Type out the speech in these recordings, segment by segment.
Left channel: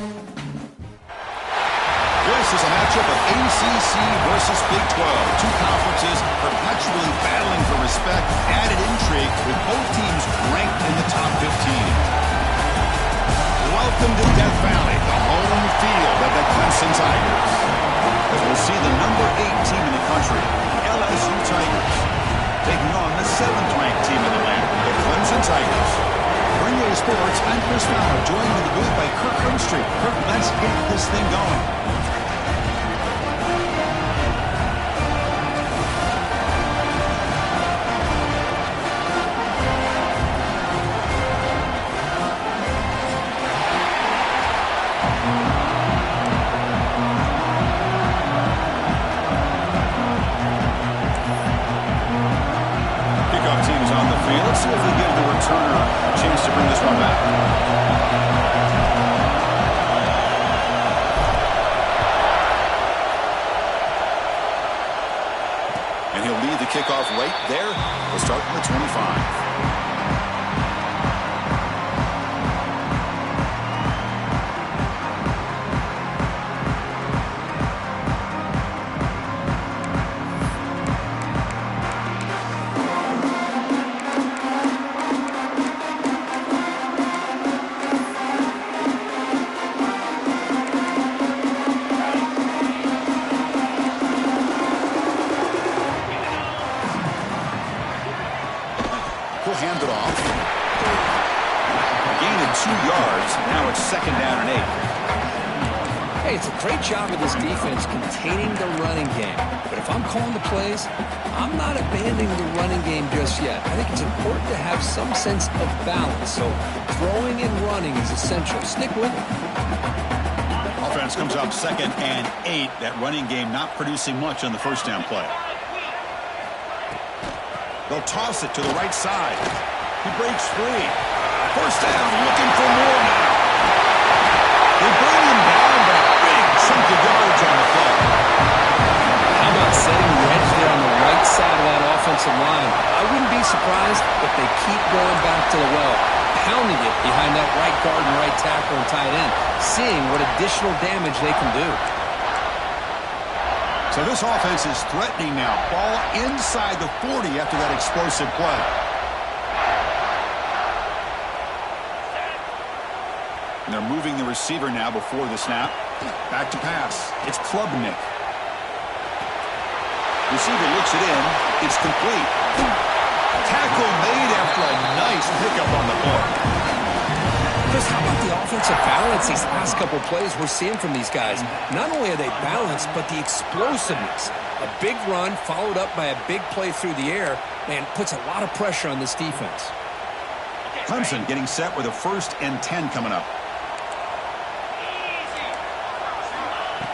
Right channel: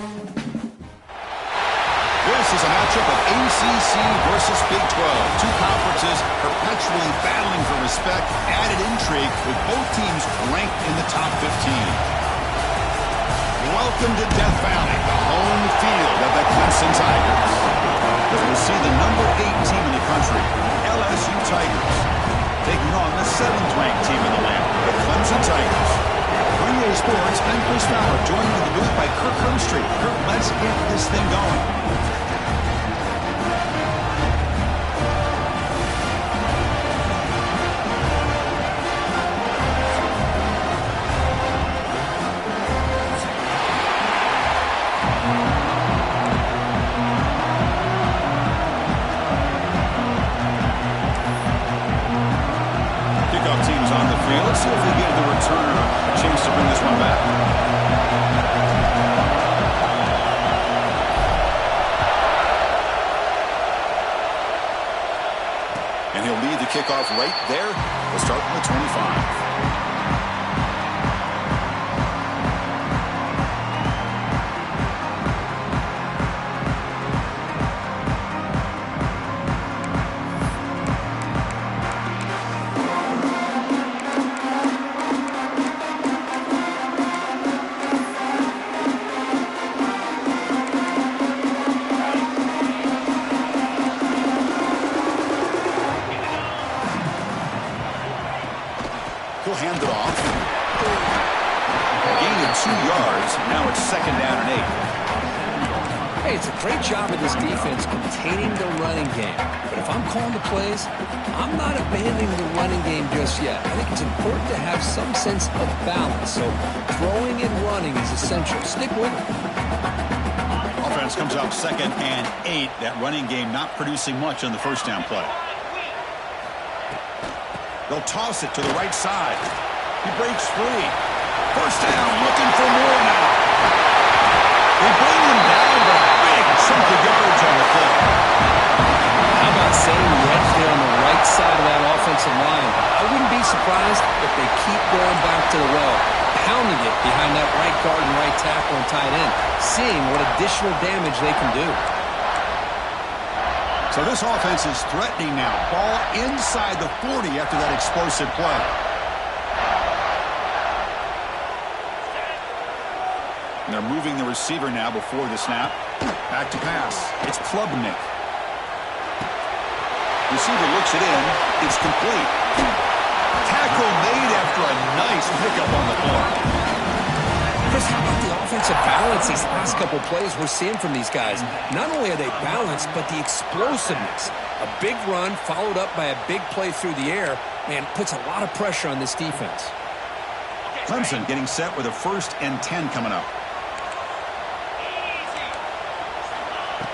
This is a matchup of ACC versus Big 12. Two conferences perpetually battling for respect, added intrigue with both teams ranked in the top 15. Welcome to Death Valley, the home field of the Clemson Tigers. But we'll see the number 8 team in the country, LSU Tigers, taking on the 7th-ranked team in the land, the Clemson Tigers. For EA Sports, I'm Chris Fowler, joined in the booth by Kirk Hermstreet. Kirk, let's get this thing going. Teams on the field. Let's see if we give the returner a chance to bring this one back. And he'll lead the kickoff right there. We'll start from the 25. He'll hand it off. A gain of 2 yards. Now it's 2nd down and 8. Hey, it's a great job of this defense containing the running game. But if I'm calling the plays, I'm not abandoning the running game just yet. I think it's important to have some sense of balance. So throwing and running is essential. Stick with it. Offense comes up 2nd and 8. That running game not producing much on the first down play. They'll toss it to the right side. He breaks free. First down, looking for more now. They bring him down, but a big chunk of yards on the play. How about setting the edge there on the right side of that offensive line? I wouldn't be surprised if they keep going back to the well, pounding it behind that right guard and right tackle and tight end, seeing what additional damage they can do. So this offense is threatening now. Ball inside the 40 after that explosive play. And they're moving the receiver now before the snap. Back to pass. It's Klubnik. Receiver looks it in. It's complete. Tackle made after a nice pickup on the play. Chris, how about the offensive balance these last couple plays we're seeing from these guys? Not only are they balanced, but the explosiveness. A big run followed up by a big play through the air, man, puts a lot of pressure on this defense. Clemson getting set with a 1st and 10 coming up.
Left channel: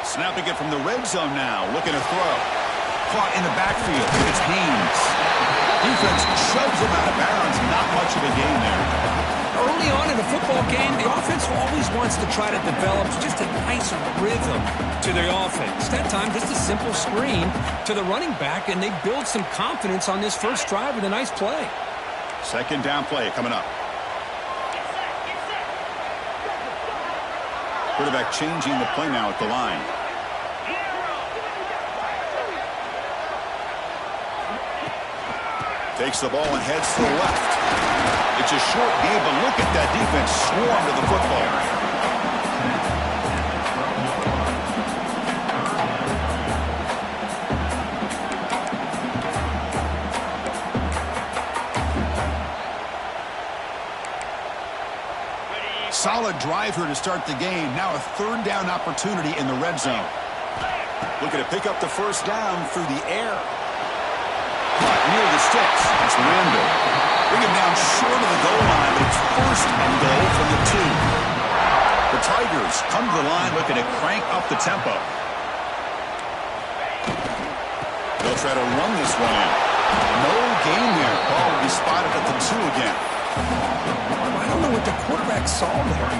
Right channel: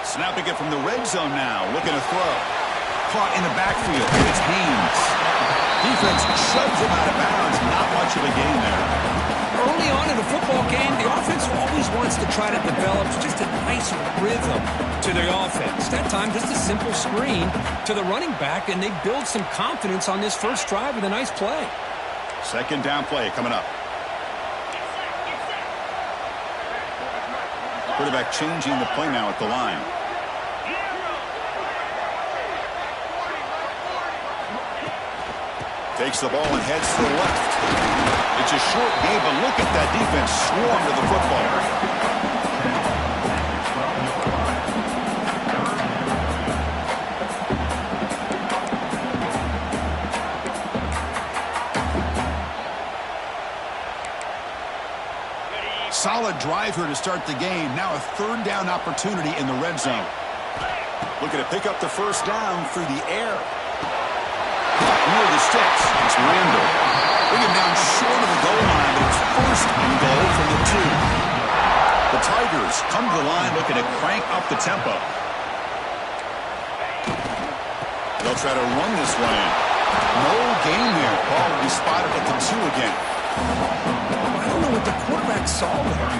Snapping it from the red zone now, looking to throw. Caught in the backfield, it's Haynes. Defense shoves him out of bounds, not much of a gain there. Early on in a football game, the offense always wants to try to develop just a nice rhythm to their offense. That time, just a simple screen to the running back, and they build some confidence on this first drive with a nice play. 2nd down play coming up. Quarterback changing the play now at the line. Takes the ball and heads to the left. It's a short game, but look at that defense swarm to the football. Solid drive here to start the game. Now a 3rd down opportunity in the red zone. Looking to pick up the 1st down through the air. Caught near the sticks. It's Randall. Bring him down short of the goal line, but it's 1st and goal from the 2. The Tigers come to the line looking to crank up the tempo. They'll try to run this one in. No gain there. Ball will be spotted at the 2 again. I don't know what the quarterback saw there.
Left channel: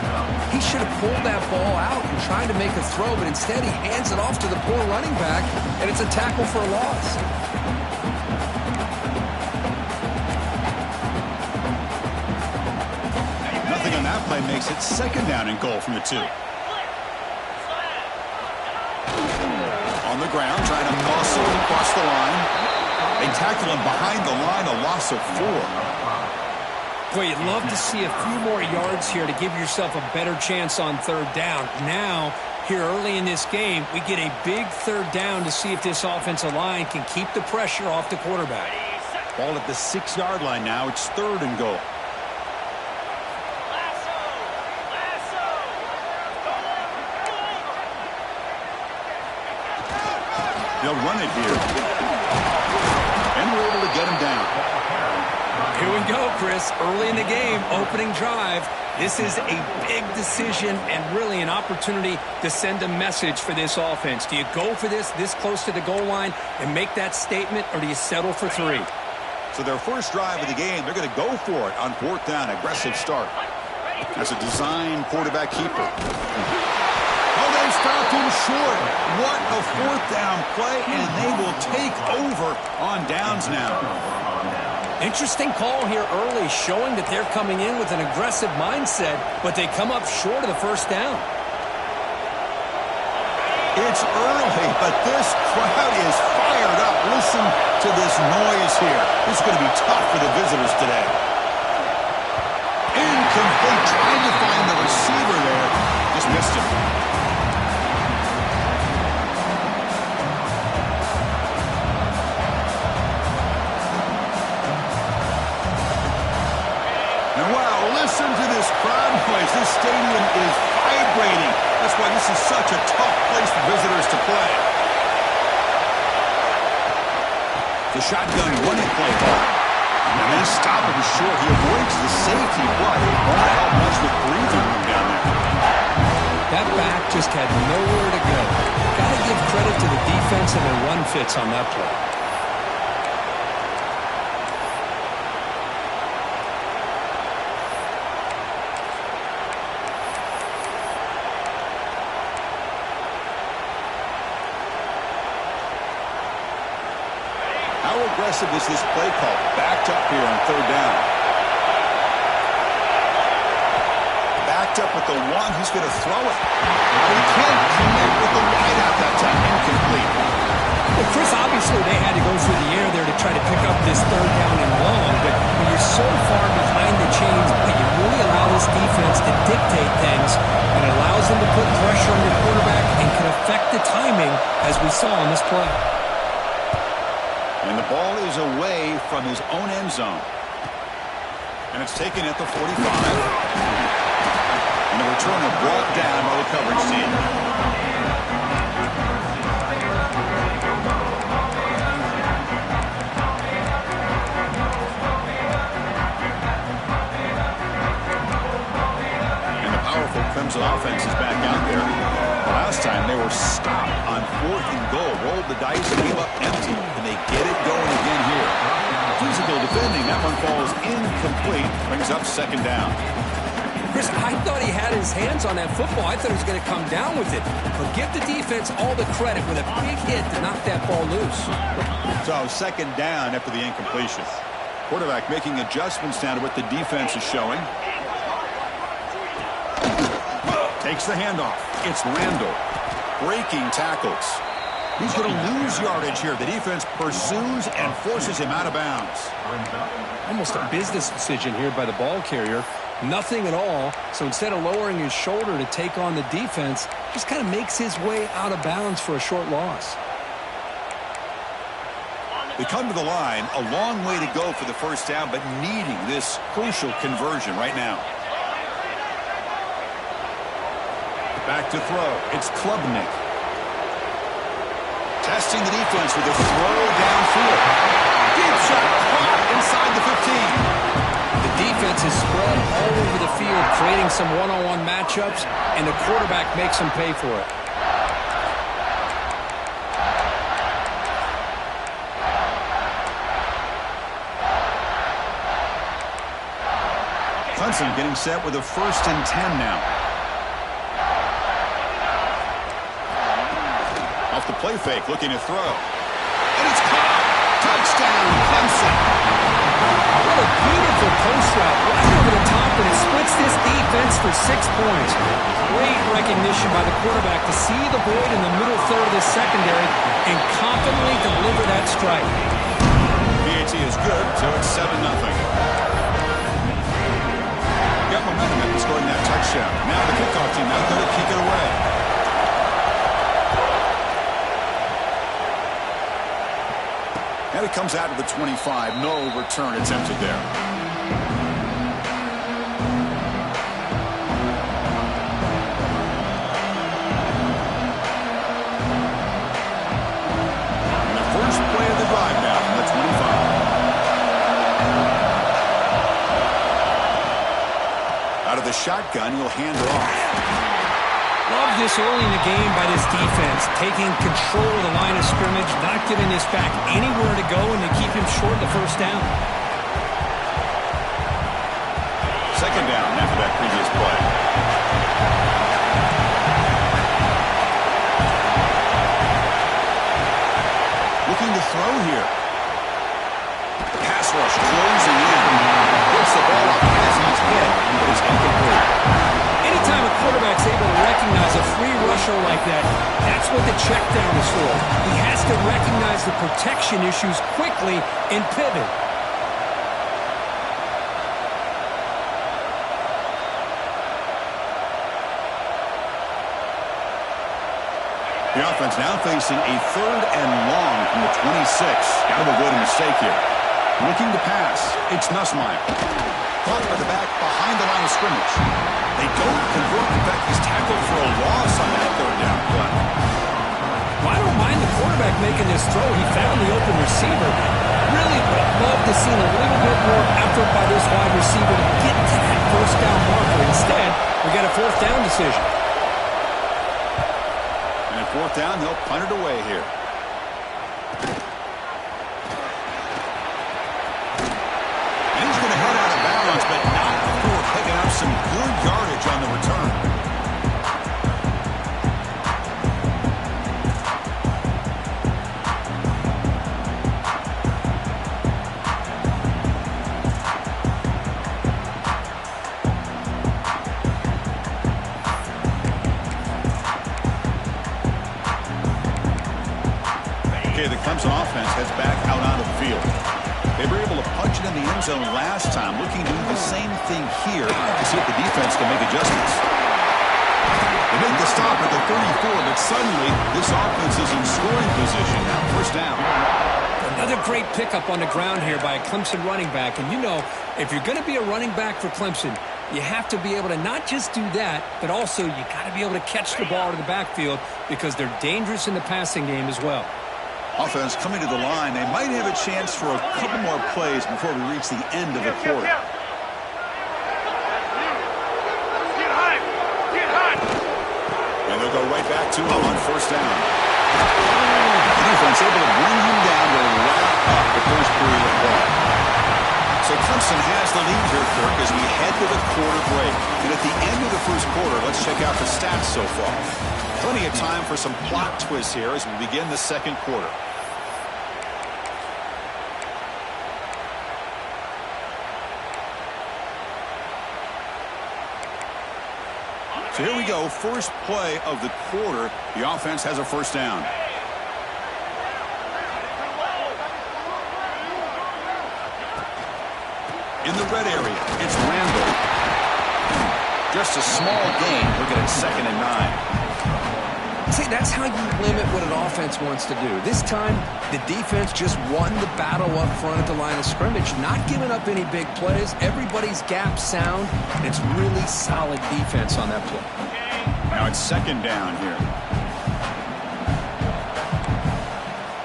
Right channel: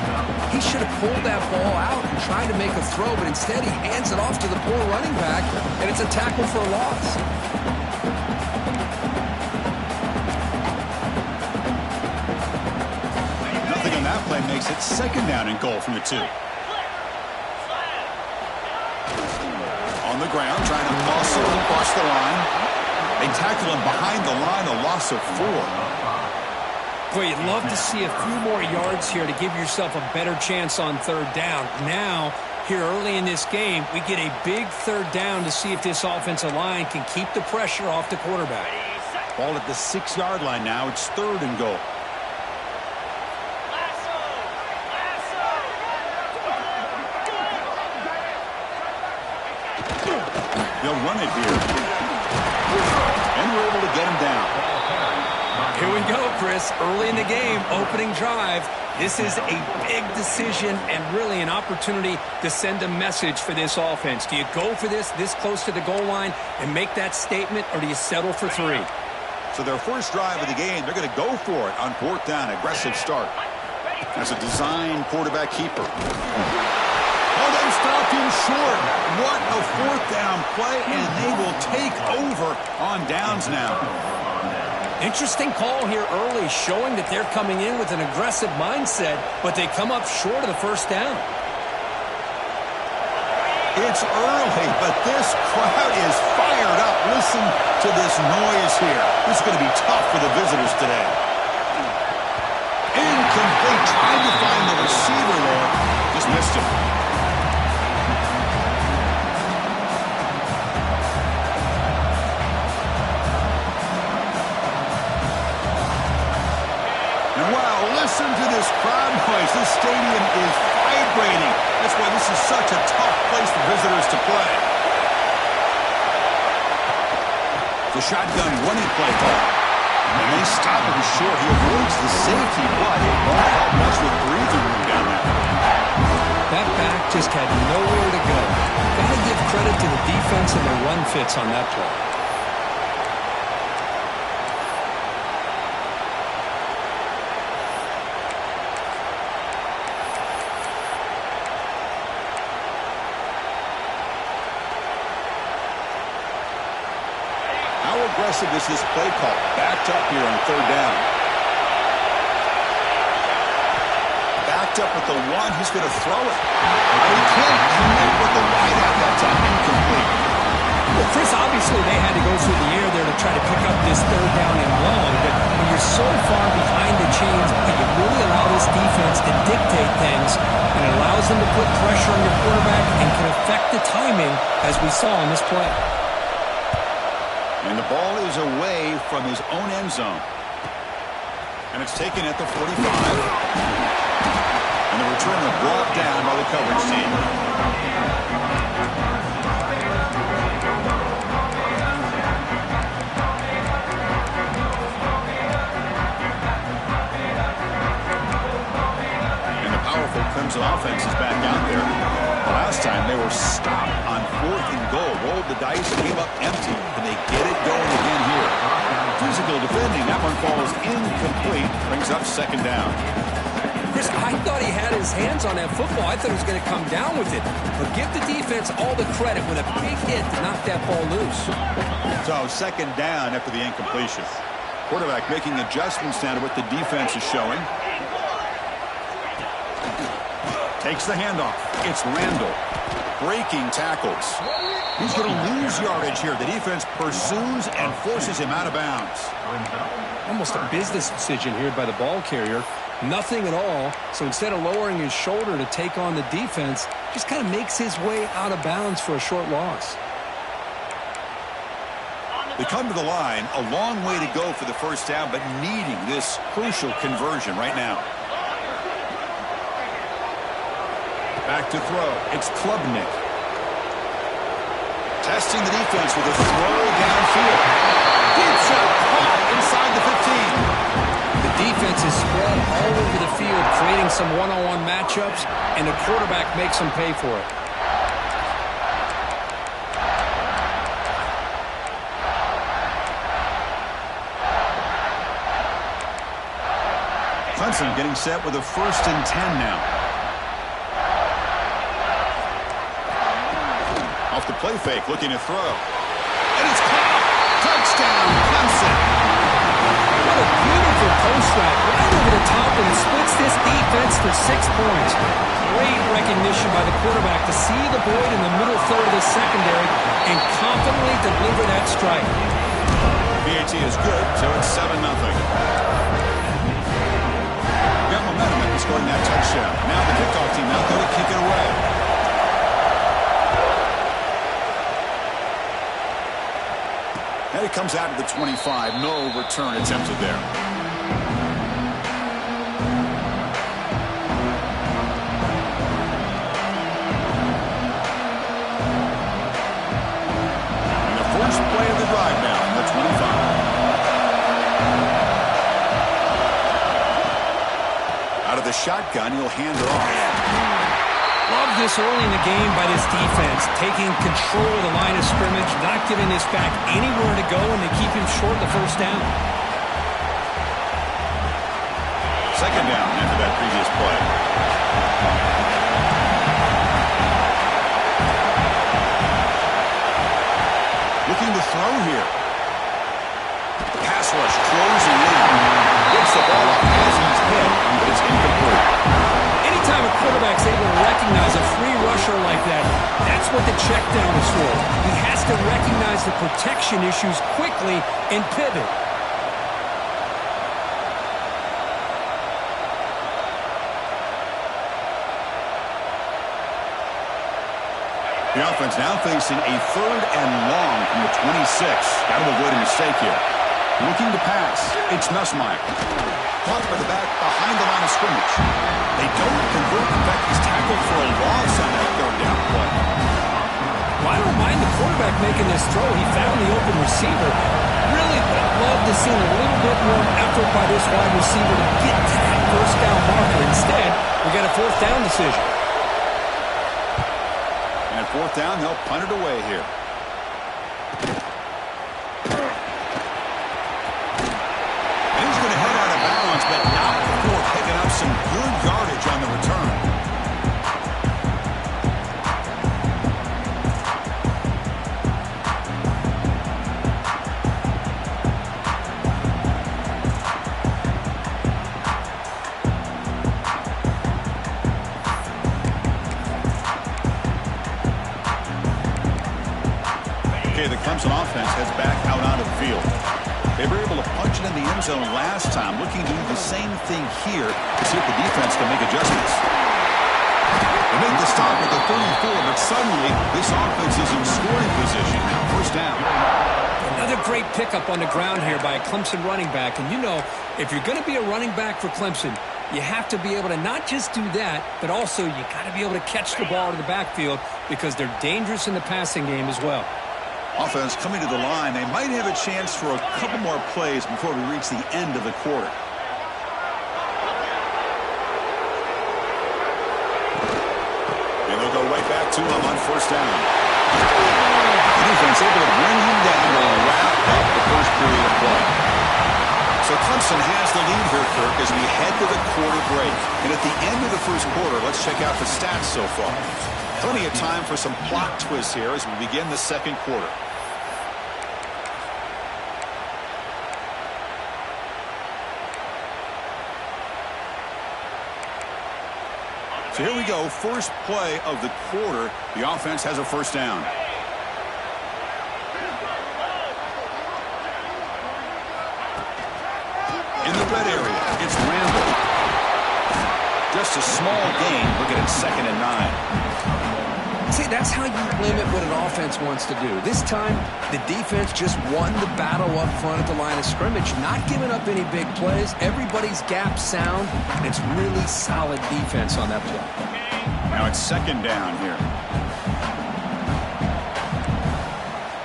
He should have pulled that ball out and tried to make a throw, but instead he hands it off to the poor running back, and it's a tackle for a loss. Nothing on that play makes it 2nd down and goal from the 2. On the ground, trying to muscle across the line. They tackle him behind the line, a loss of 4. Boy, you'd love to see a few more yards here to give yourself a better chance on third down. Now, here early in this game, we get a big third down to see if this offensive line can keep the pressure off the quarterback. Ball at the 6-yard line now. It's 3rd and goal. They'll run it here. And we're able to get him down. Here we go, Chris. Early in the game, opening drive. This is a big decision and really an opportunity to send a message for this offense. Do you go for this close to the goal line and make that statement, or do you settle for 3? So their first drive of the game, they're going to go for it on 4th down. Aggressive start. As a design quarterback keeper. Oh, they stopped him short. What a 4th down play, and they will take over on downs now. Interesting call here early, showing that they're coming in with an aggressive mindset, but they come up short of the first down. It's early, but this crowd is fired up. Listen to this noise here. This is going to be tough for the visitors today. Incomplete, trying to find the receiver there. Just missed him. And wow, listen to this crowd noise. This stadium is vibrating. That's why this is such a tough place for visitors to play. The shotgun running play ball. And they stop him short. He avoids the safety, but it won't help much with breathing room down there. That back just had nowhere to go. Got to give credit to the defense and their run fits on that play. How aggressive is this play call? Backed up here on 3rd down. Backed up with the 1. He's going to throw it. He can't connect with the wideout that time. Incomplete. Well, Chris, obviously they had to go through the air there to try to pick up this 3rd down and long, but when you're so far behind the chains, you really allow this defense to dictate things, and it allows them to put pressure on your quarterback and can affect the timing, as we saw on this play. And the ball is away from his own end zone. And it's taken at the 45. And the returner brought down by the coverage team. And the powerful Clemson offense is back out there. Last time they were stopped on 4th and goal, rolled the dice, came up empty, and they get it going again here. Physical defending, that one falls incomplete, brings up 2nd down. Chris, I thought he had his hands on that football. I thought he was going to come down with it. But give the defense all the credit with a big hit to knock that ball loose. So 2nd down after the incompletion. Quarterback making adjustments down to what the defense is showing. Takes the handoff. It's Randall. Breaking tackles. He's going to lose yardage here. The defense pursues and forces him out of bounds. Almost a business decision here by the ball carrier. Nothing at all. So instead of lowering his shoulder to take on the defense, just kind of makes his way out of bounds for a short loss. They come to the line. A long way to go for the first down, but needing this crucial conversion right now. Back to throw. It's Klubnik. Testing the defense with a throw downfield. Deep shot caught inside the 15. The defense is spread all over the field, creating some one-on-one matchups, and the quarterback makes them pay for it. Clemson getting set with a 1st and 10 now. Off the play fake, looking to throw. And it's caught! Touchdown, Clemson! What a beautiful post route right over the top, and it splits this defense for 6 points. great recognition by the quarterback to see the void in the middle third of the secondary and confidently deliver that strike. PAT is good, so it's 7-0. Got momentum after scoring that touchdown. Now the kickoff team out there to kick it away. And it comes out of the 25. No return attempted there. And the first play of the drive now from the 25. Out of the shotgun, he'll hand it off. Love this early in the game by this defense, taking control of the line of scrimmage, not giving this back anywhere to go, and to keep him short of the first down. Second down after that previous play. Looking to throw here. Pass rush closing in. Gets the ball up as he's hit, but it's incomplete. Anytime a quarterback's able to recognize a free rusher like that, that's what the check down is for. He has to recognize the protection issues quickly and pivot. The offense now facing a 3rd and long from the 26. Got to avoid a mistake here. Looking to pass. It's Nussmeier. Caught by the back behind the line of scrimmage. They don't convert. In fact, he's tackled for a loss on that 3rd down play. Well, I don't mind the quarterback making this throw. He found the open receiver. Really would have loved to see a little bit more effort by this wide receiver to get to that first down marker. Instead, we got a 4th down decision. And at 4th down, they'll punt it away here. But not before picking up some good yardage on the return. Okay, the Clemson offense heads back out onto the field. They were able to punch it in the end zone last time, looking to do the same thing here to see if the defense can make adjustments. They make the stop at the 34, but suddenly this offense is in scoring position now. First down. Another great pickup on the ground here by a Clemson running back. And you know, if you're going to be a running back for Clemson, you have to be able to not just do that, but also you got to be able to catch the ball to the backfield because they're dangerous in the passing game as well. Offense coming to the line. They might have a chance for a couple more plays before we reach the end of the quarter. And they'll go right back to him on first down. The defense able to bring him down to wrap up the first period of play. So Clemson has the lead here, Kirk, as we head to the quarter break. And at the end of the first quarter, let's check out the stats so far. Plenty of time for some plot twists here as we begin the second quarter. So here we go, first play of the quarter. The offense has a first down. In the red area, it's Randall. Just a small gain, looking at 2nd and 9. See, that's how you limit what an offense wants to do. This time, the defense just won the battle up front at the line of scrimmage, not giving up any big plays. Everybody's gap sound, and it's really solid defense on that play. Now it's 2nd down here.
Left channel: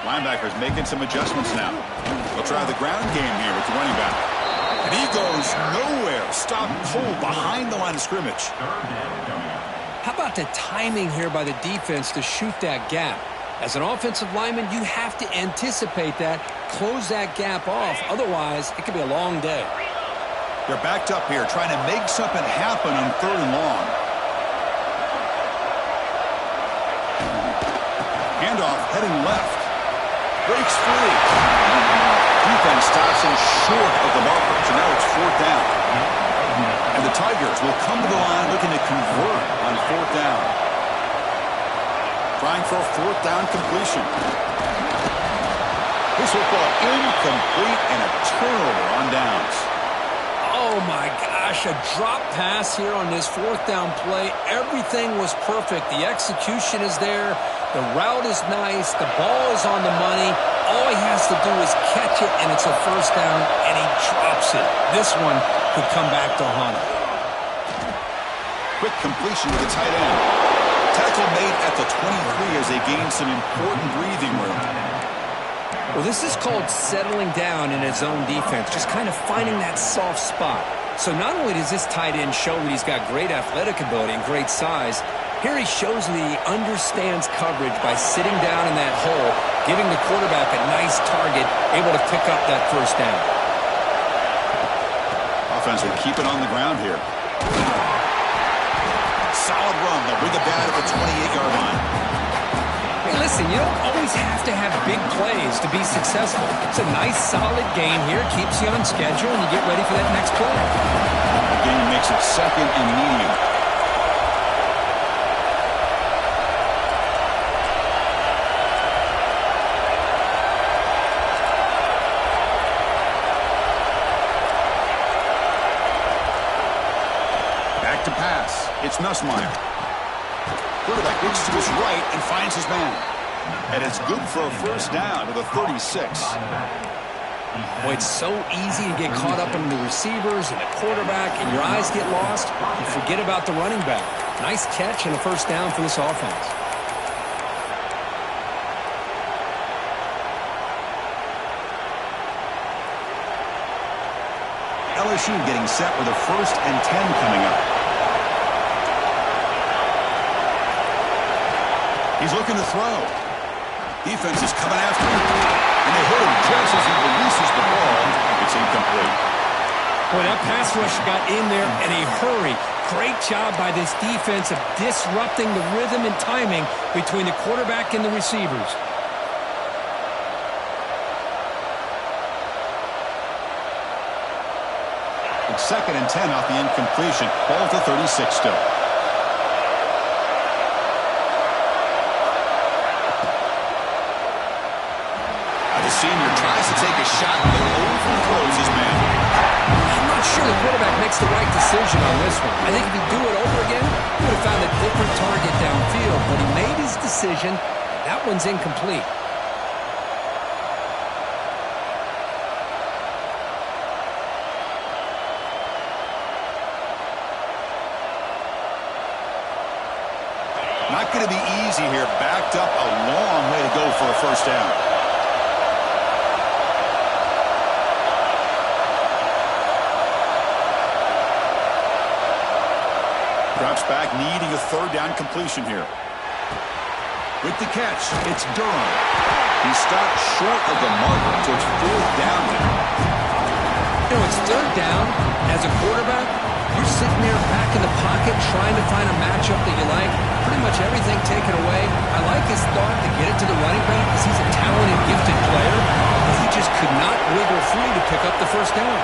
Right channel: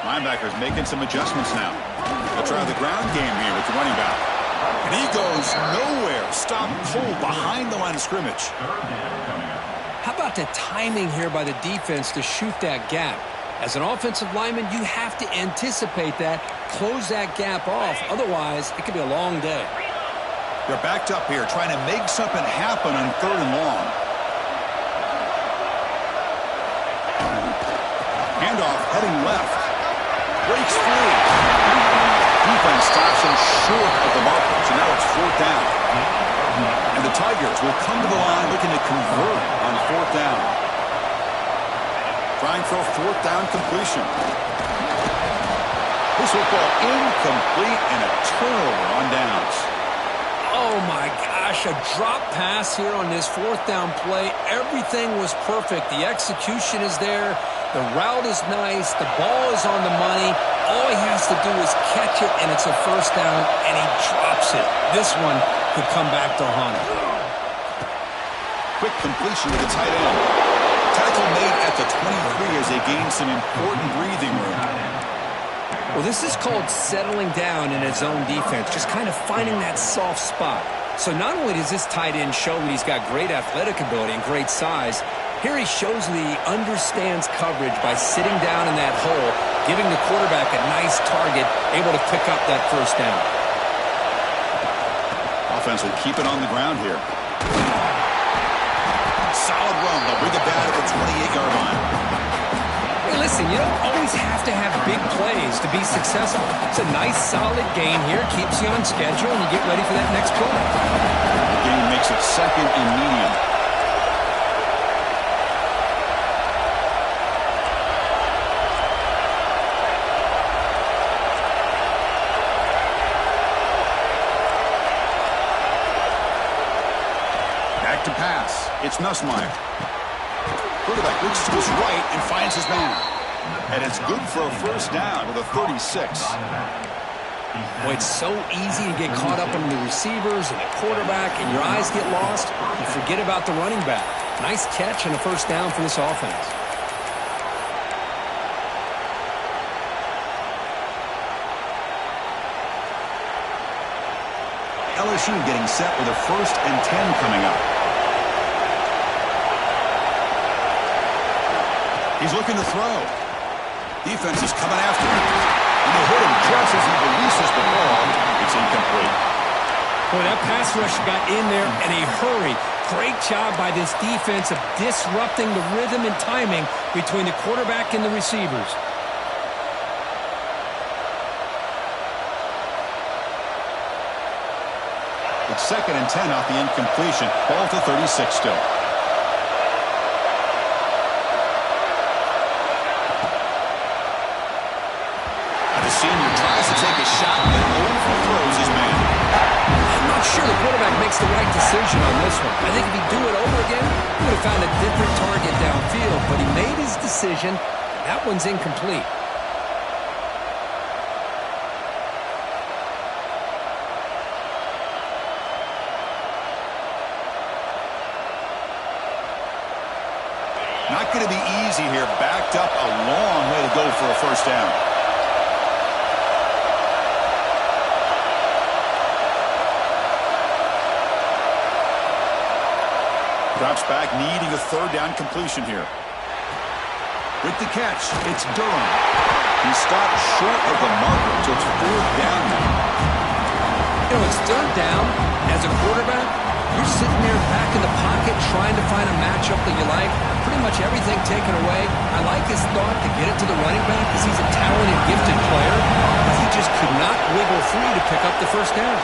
Linebackers making some adjustments now. They'll try the ground game here with the running back. And he goes nowhere. Stopped cold behind the line of scrimmage. How about the timing here by the defense to shoot that gap? As an offensive lineman, you have to anticipate that, close that gap off. Otherwise, it could be a long day. They're backed up here, trying to make something happen on 3rd and long. Handoff heading left. Breaks free. Defense stops him short of the marker, so now it's 4th down. And the Tigers will come to the line looking to convert on 4th down. Trying for a 4th down completion. This football incomplete and a turnover on downs. Oh, my gosh, a drop pass here on this 4th down play. Everything was perfect. The execution is there. The route is nice. The ball is on the money. All he has to do is catch it, and it's a 1st down, and he drops it. This one could come back to haunt him. Quick completion to the tight end. Tackle made at the 23 as they gain some important breathing room. Well, this is called settling down in his own defense, just kind of finding that soft spot. So not only does this tight end show that he's got great athletic ability and great size, here he shows that he understands coverage by sitting down in that hole, giving the quarterback a nice target, able to pick up that 1st down. Offense will keep it on the ground here. Solid run. They'll bring it down at the 28-yard line. Hey, listen, you don't always have to have big plays to be successful. It's a nice, solid game here. Keeps you on schedule, and you get ready for that next play. The game makes it 2nd and medium. Back to pass. It's Nussmeier. Quarterback looks to his right and finds his man. And it's good for a 1st down with a 36. Boy, it's so easy to get caught up in the receivers and the quarterback, and your eyes get lost. You forget about the running back. Nice catch and a 1st down for this offense. LSU getting set with a 1st and 10 coming up. He's looking to throw. Defense is coming after him. And they hit him just as he releases the ball. It's incomplete. Boy, that pass rush got in there in a hurry. Great job by this defense of disrupting the rhythm and timing between the quarterback and the receivers. It's 2nd and 10 off the incompletion. Ball to 36 still. The senior tries to take a shot, but overthrows his man. I'm not sure the quarterback makes the right decision on this one. I think if he'd do it over again, he would have found a different target downfield, but he made his decision. That one's incomplete. Not going to be easy here. Backed up a long way to go for a 1st down. Drops back, needing a 3rd down completion here. With the catch, it's Durham. He stopped short of the marker, so it's 4th down now. You know, it's 3rd down. As a quarterback, you're sitting there back in the pocket trying to find a matchup that you like. Pretty much everything taken away. I like his thought to get it to the running back because he's a talented, gifted player, but he just could not wiggle free to pick up the 1st down.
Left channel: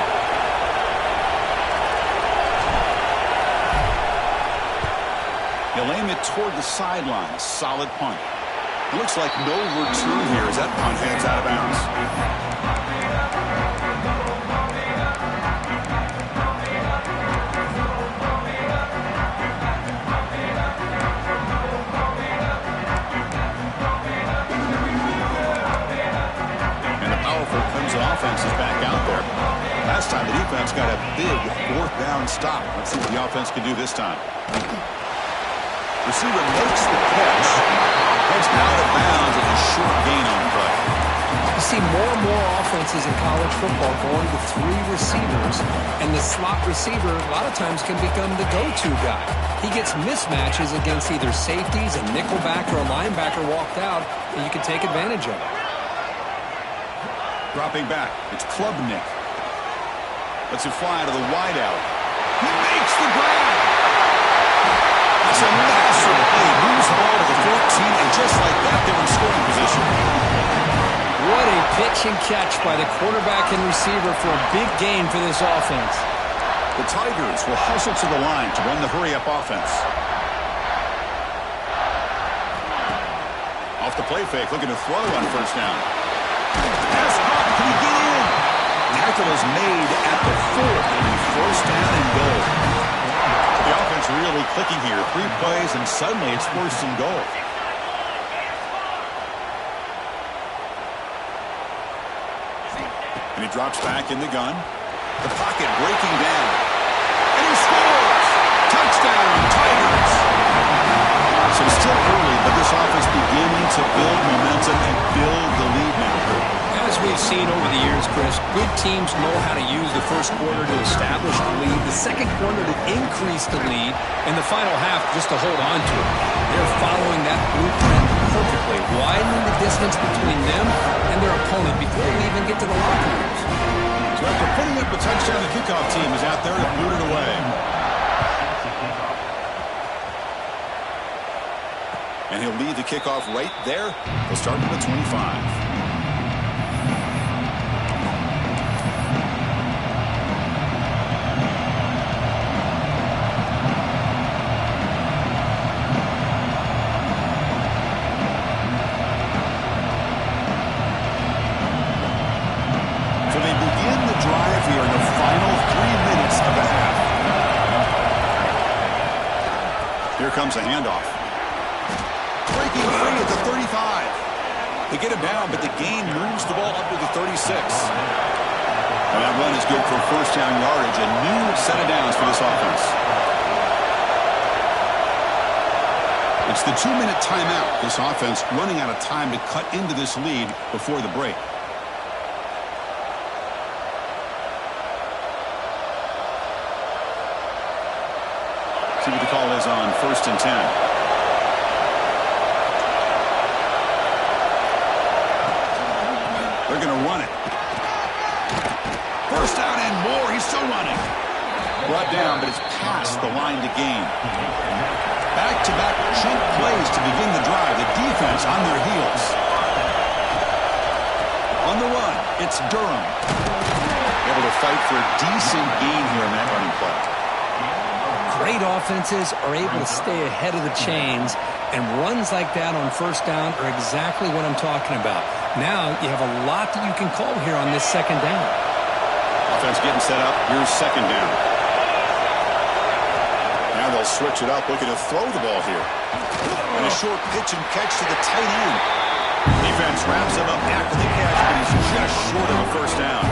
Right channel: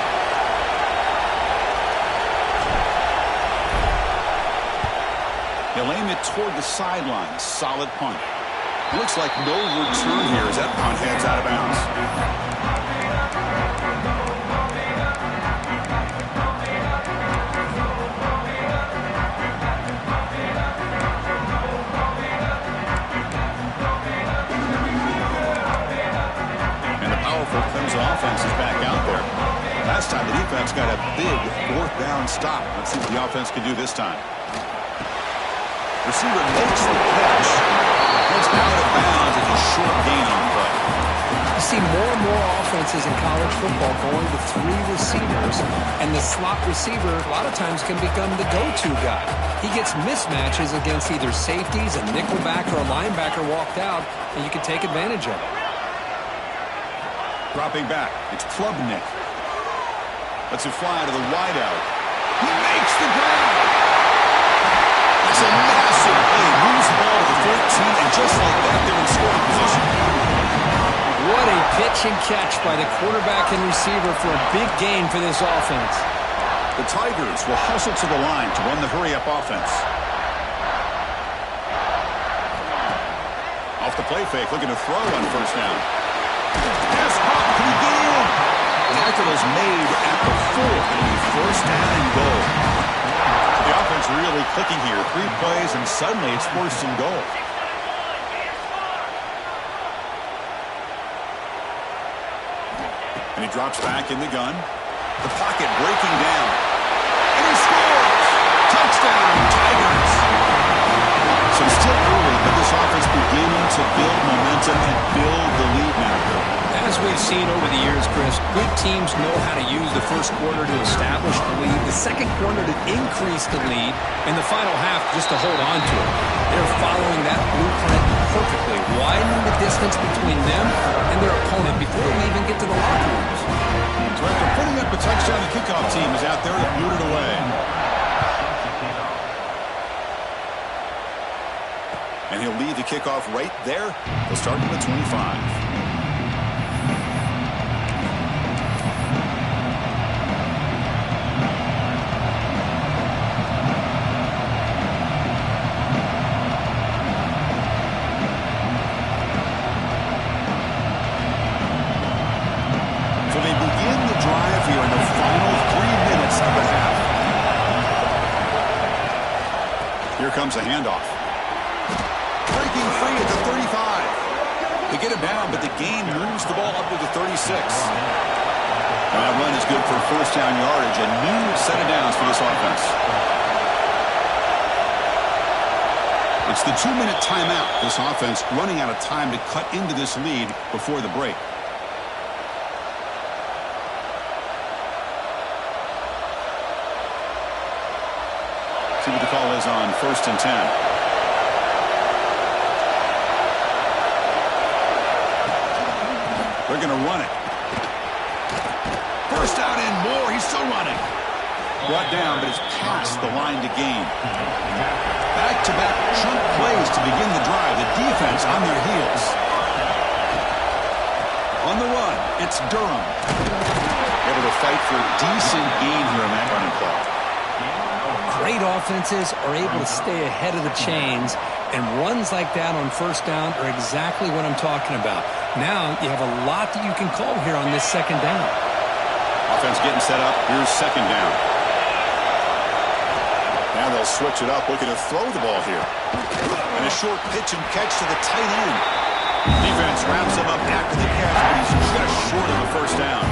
He'll aim it toward the sideline. A solid punt. It looks like no return here as that punt heads out of bounds. And the powerful Clemson offense is back out there. Last time the defense got a big 4th down stop. Let's see what the offense can do this time. Receiver makes the catch. Heads out of bounds as a short gain on the play. You see more and more offenses in college football going with 3 receivers, and the slot receiver a lot of times can become the go-to guy. He gets mismatches against either safeties, a nickelback, or a linebacker walked out, and you can take advantage of it. Dropping back, it's Klubnik. Lets it fly to the wideout. He makes the grab. It's a massive play. Moves the ball to the 14, and just like that, they're in scoring position. What a pitch and catch by the quarterback and receiver for a big gain for this offense. The Tigers will hustle to the line to run the hurry-up offense. Off the play fake, looking to throw on first down. Pass up, can he get in? Tackle is made at the 4. It'll be first down and goal. The offense really clicking here. 3 plays, and suddenly it's first and goal. And he drops back in the gun. The pocket breaking down. And he scores! Touchdown, Tigers! So it's still early, but this offense beginning to build momentum and build the lead now. As we've seen over the years, Chris, good teams know how to use the first quarter to establish the lead, the second quarter to increase the lead, and the final half just to hold on to it. They're following that blueprint perfectly, widening the distance between them and their opponent before we even get to the locker rooms. So after putting up a touchdown, the kickoff team is out there to boot it away. And he'll lead the kickoff right there. He'll start from the 25. So they begin the drive here in the final 3 minutes of the half. Here comes a handoff. Breaking free at the 35. They get him down, but the gain moves the ball up to the 36. And that run is good for first down yardage. A new set of downs for this offense. It's the 2-minute timeout. This offense running out of time to cut into this lead before the break. See what the call is on 1st and 10. They're going to run it. First down and more. He's still running. Brought down, but it's past the line to gain. Back-to-back chunk plays to begin the drive. The defense on their heels. On the run, it's Durham. Able to fight for a decent gain here in that running play. Great offenses are able to stay ahead of the chains, and runs like that on first down are exactly what I'm talking about. Now you have a lot that you can call here on this second down. Offense getting set up. Here's second down. Now they'll switch it up, looking to throw the ball here. And a short pitch and catch to the tight end. Defense wraps him up after the catch, but he's just short of a first down.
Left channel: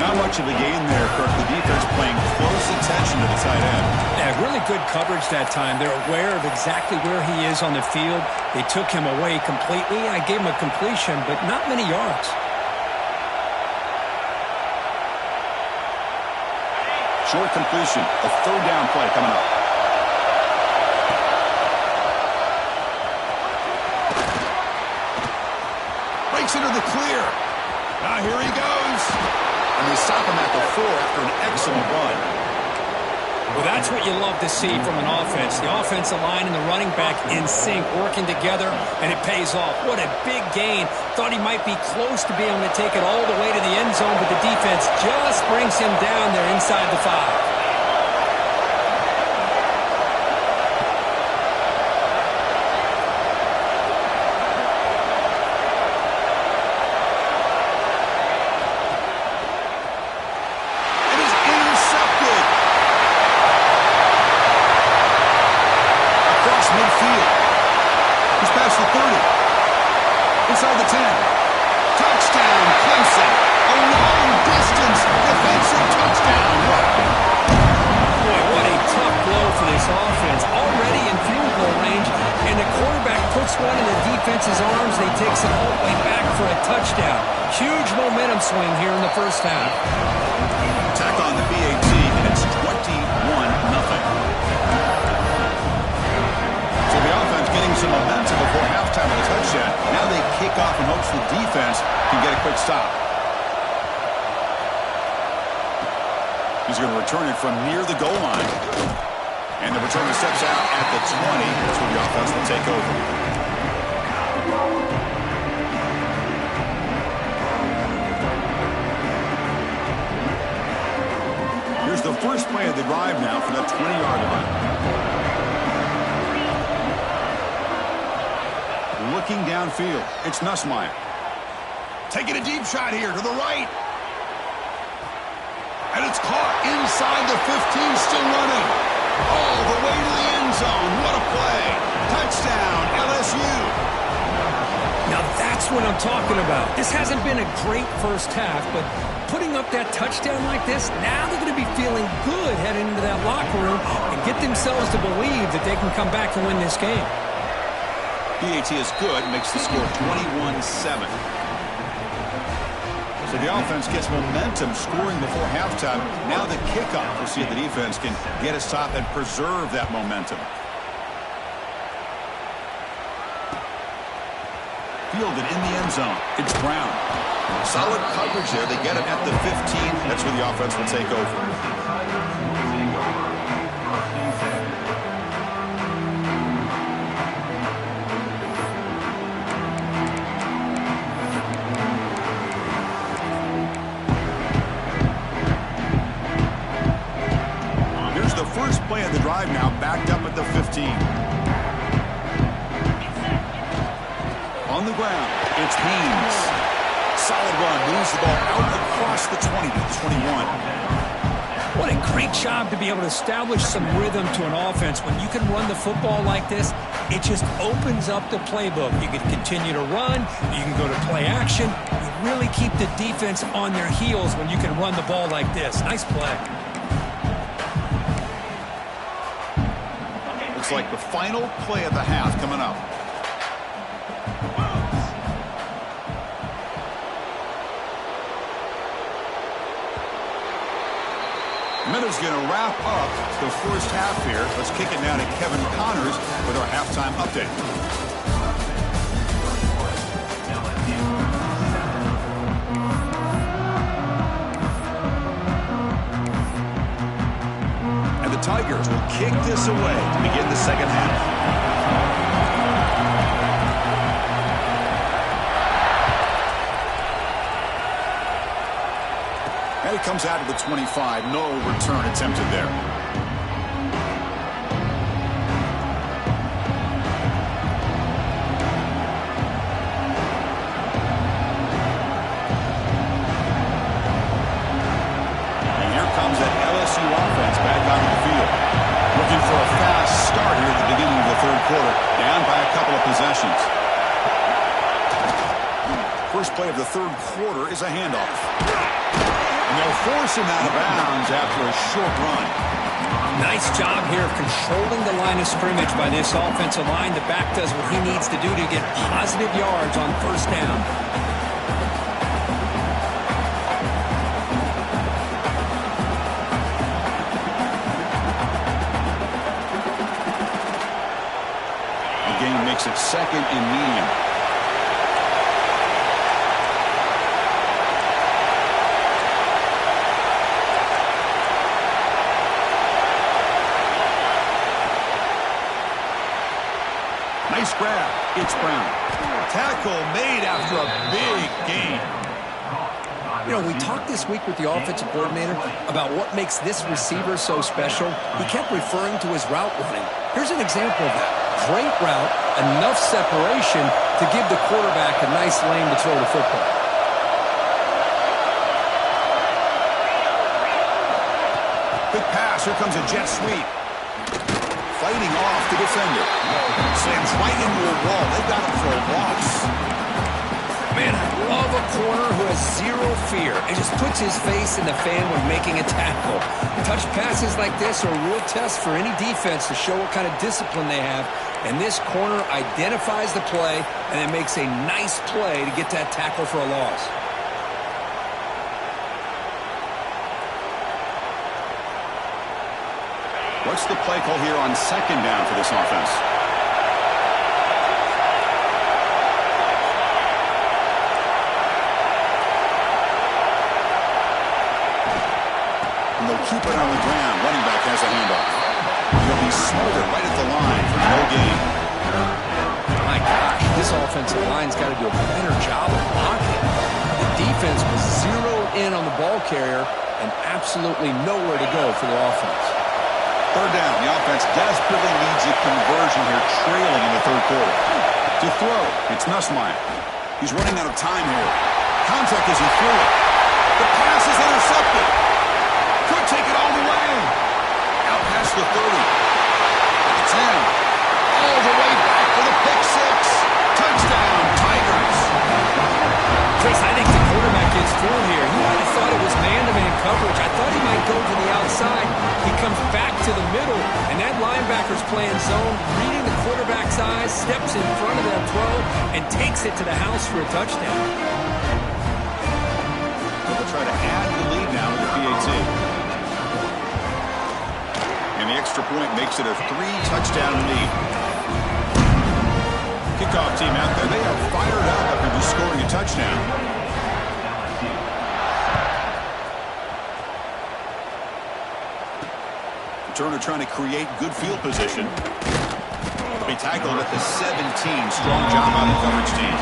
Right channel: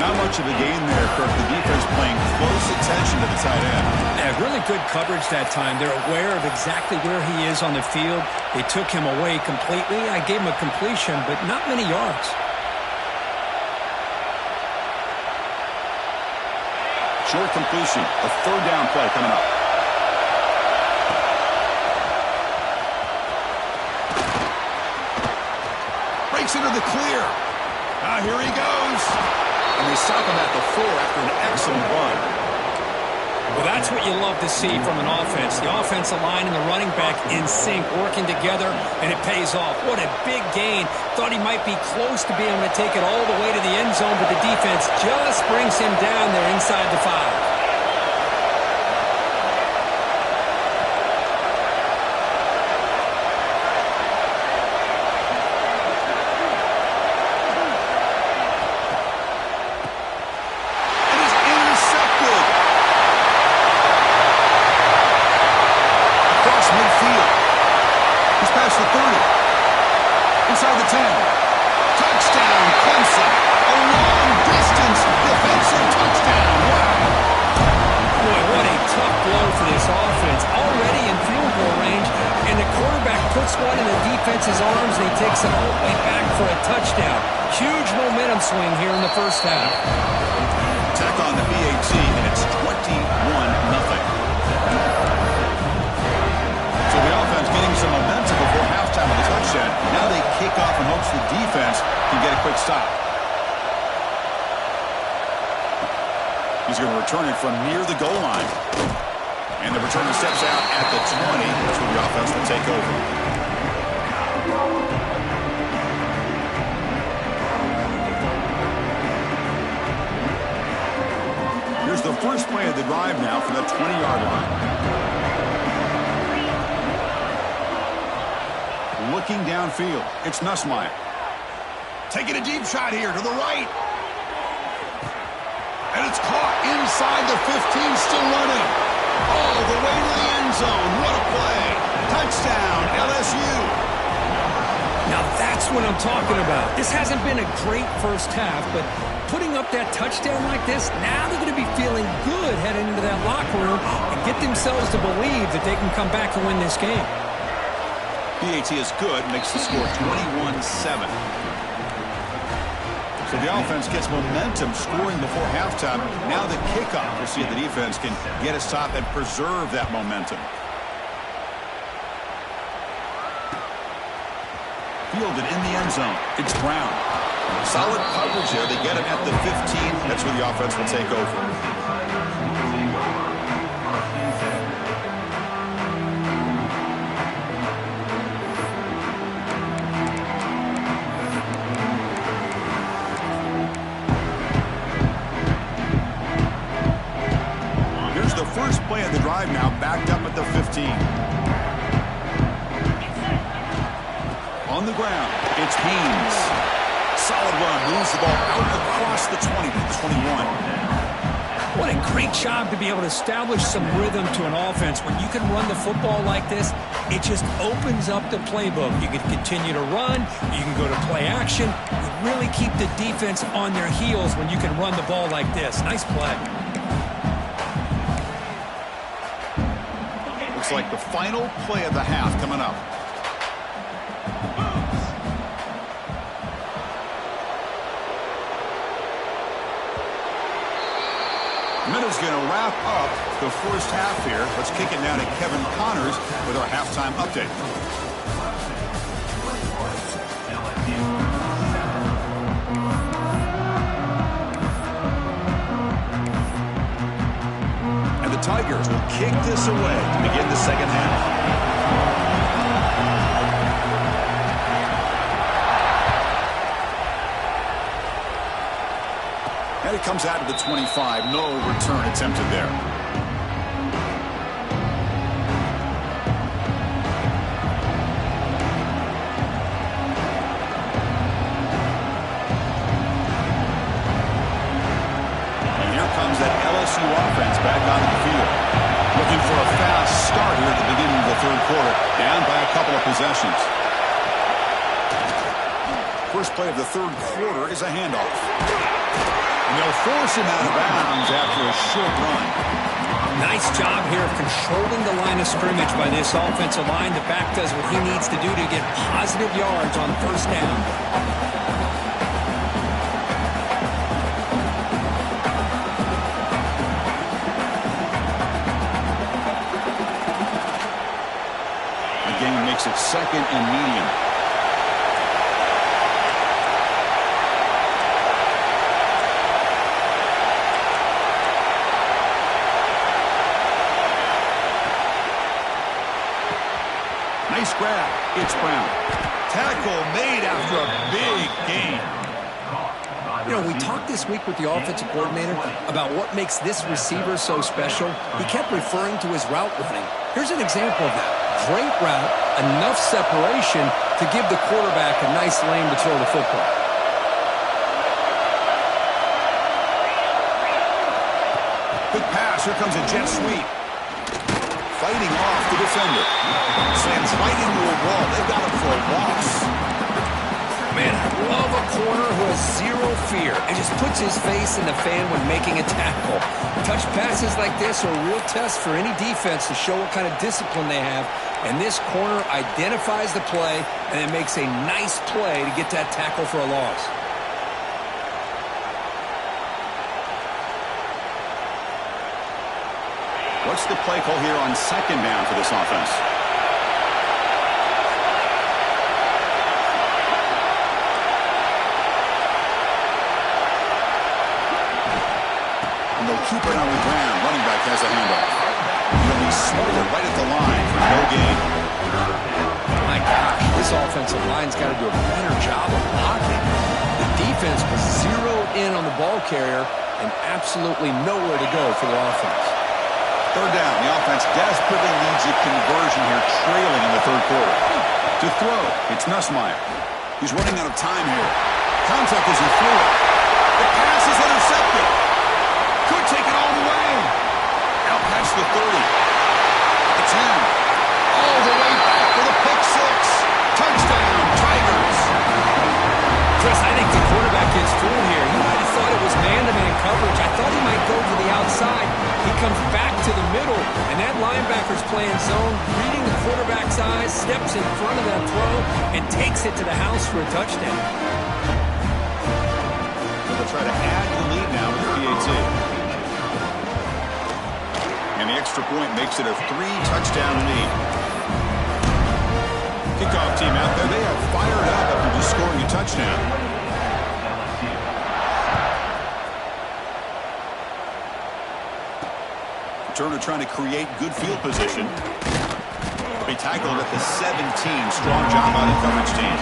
Not much of a gain there, Kirk. The defense playing close attention to the tight end. Yeah, really good coverage that time. They're aware of exactly where he is on the field. They took him away completely. I gave him a completion, but not many yards. Short completion. A third down play coming up. Breaks into the clear. Now here he goes. And they stop him at the 4 after an excellent run. Well, that's what you love to see from an offense. The offensive line and the running back in sync, working together, and it pays off. What a big gain. Thought he might be close to being able to take it all the way to the end zone, but the defense just brings him down there inside the 5. Midfield. He's past the 30. Inside the 10. Touchdown, Clemson. A long-distance defensive touchdown. Wow. Boy, what a tough blow for this offense. Already in field goal range, and the quarterback puts one in the defense's arms, and he takes it all the way back for a touchdown. Huge momentum swing here in the first half. Tack on the PAT, and it's 21-0. So the offense getting some momentum before halftime with a touchdown. Now they kick off in hopes the defense can get a quick stop. He's going to return it from near the goal line. And the returner steps out at the 20. That's where the offense will take over. Here's the the first play of the drive now for the 20-yard line. Looking downfield, it's Nussmeier. Taking a deep shot here to the right. And it's caught inside the 15, still running. All the way to the end zone. What a play. Touchdown, LSU. Now that's what I'm talking about. This hasn't been a great first half, but putting up that touchdown like this, now they're going to be feeling good heading into that locker room and get themselves to believe that they can come back and win this game. PAT is good, makes the score 21-7. So the offense gets momentum scoring before halftime. Now the kickoff. We'll see if the defense can get a stop and preserve that momentum. Fielded in the end zone. It's Brown. Solid coverage there. They get him at the 15. That's where the offense will take over. First play of the drive now, backed up at the 15. On the ground, it's Haynes. Solid run, moves the ball out across the 20 to the 21. What a great job to be able to establish some rhythm to an offense. When you can run the football like this, it just opens up the playbook. You can continue to run, you can go to play action. You really keep the defense on their heels when you can run the ball like this. Nice play. Looks like the final play of the half coming up. Minutes going to wrap up the first half here. Let's kick it now to Kevin Connors with our halftime update. And the Tigers will kick this away to begin the second half. And it comes out to the 25. No return attempted there. And here comes that LSU offense back onto the field. Looking for a fast start here at the beginning of the third quarter. Down by a couple of possessions. First play of the third quarter is a handoff. And they'll force him out of bounds after a short run. Nice job here of controlling the line of scrimmage by this offensive line. The back does what he needs to do to get positive yards on first down. The game makes it second and medium. Nice grab. It's Brown. Tackle made after a big gain. You know, we talked this week with the offensive coordinator about what makes this receiver so special. He kept referring to his route running. Here's an example of that. Great route, enough separation to give the quarterback a nice lane to throw the football. Good pass. Here comes a jet sweep. Fighting off the defender. Slams right into a wall. They've got him for a loss. Man, I love a corner who has zero fear and just puts his face in the fan when making a tackle. Touch passes like this are a real test for any defense to show what kind of discipline they have. And this corner identifies the play and then makes a nice play to get that tackle for a loss. What's the play call here on second down for this offense? And they'll keep it on the ground. Running back has a handoff. He'll be smothered right at the line for no gain. My gosh, this offensive line's got to do a better job of blocking. The defense was zeroed in on the ball carrier, and absolutely nowhere to go for the offense. Third down. The offense desperately needs a conversion here, trailing in the third quarter. To throw, it's Nussmeier. He's running out of time here. Contact as he threw it. The pass is intercepted. Could take it all the way. Out past the 30. The 10. All the way back for the pick six. Touchdown, Tigers. Chris, I think the quarterback gets fooled here. He might have thought it was man-to-man coverage. I thought he might go to the outside. He comes back to the middle, and that linebacker's playing zone, reading the quarterback's eyes, steps in front of that throw, and takes it to the house for a touchdown. So they'll try to add the lead now with the PAT. And the extra point makes it a 3-touchdown lead. Kickoff team out there. They are fired up after just scoring a touchdown. Returner trying to create good field position. They tackled at the 17. Strong job by the coverage team.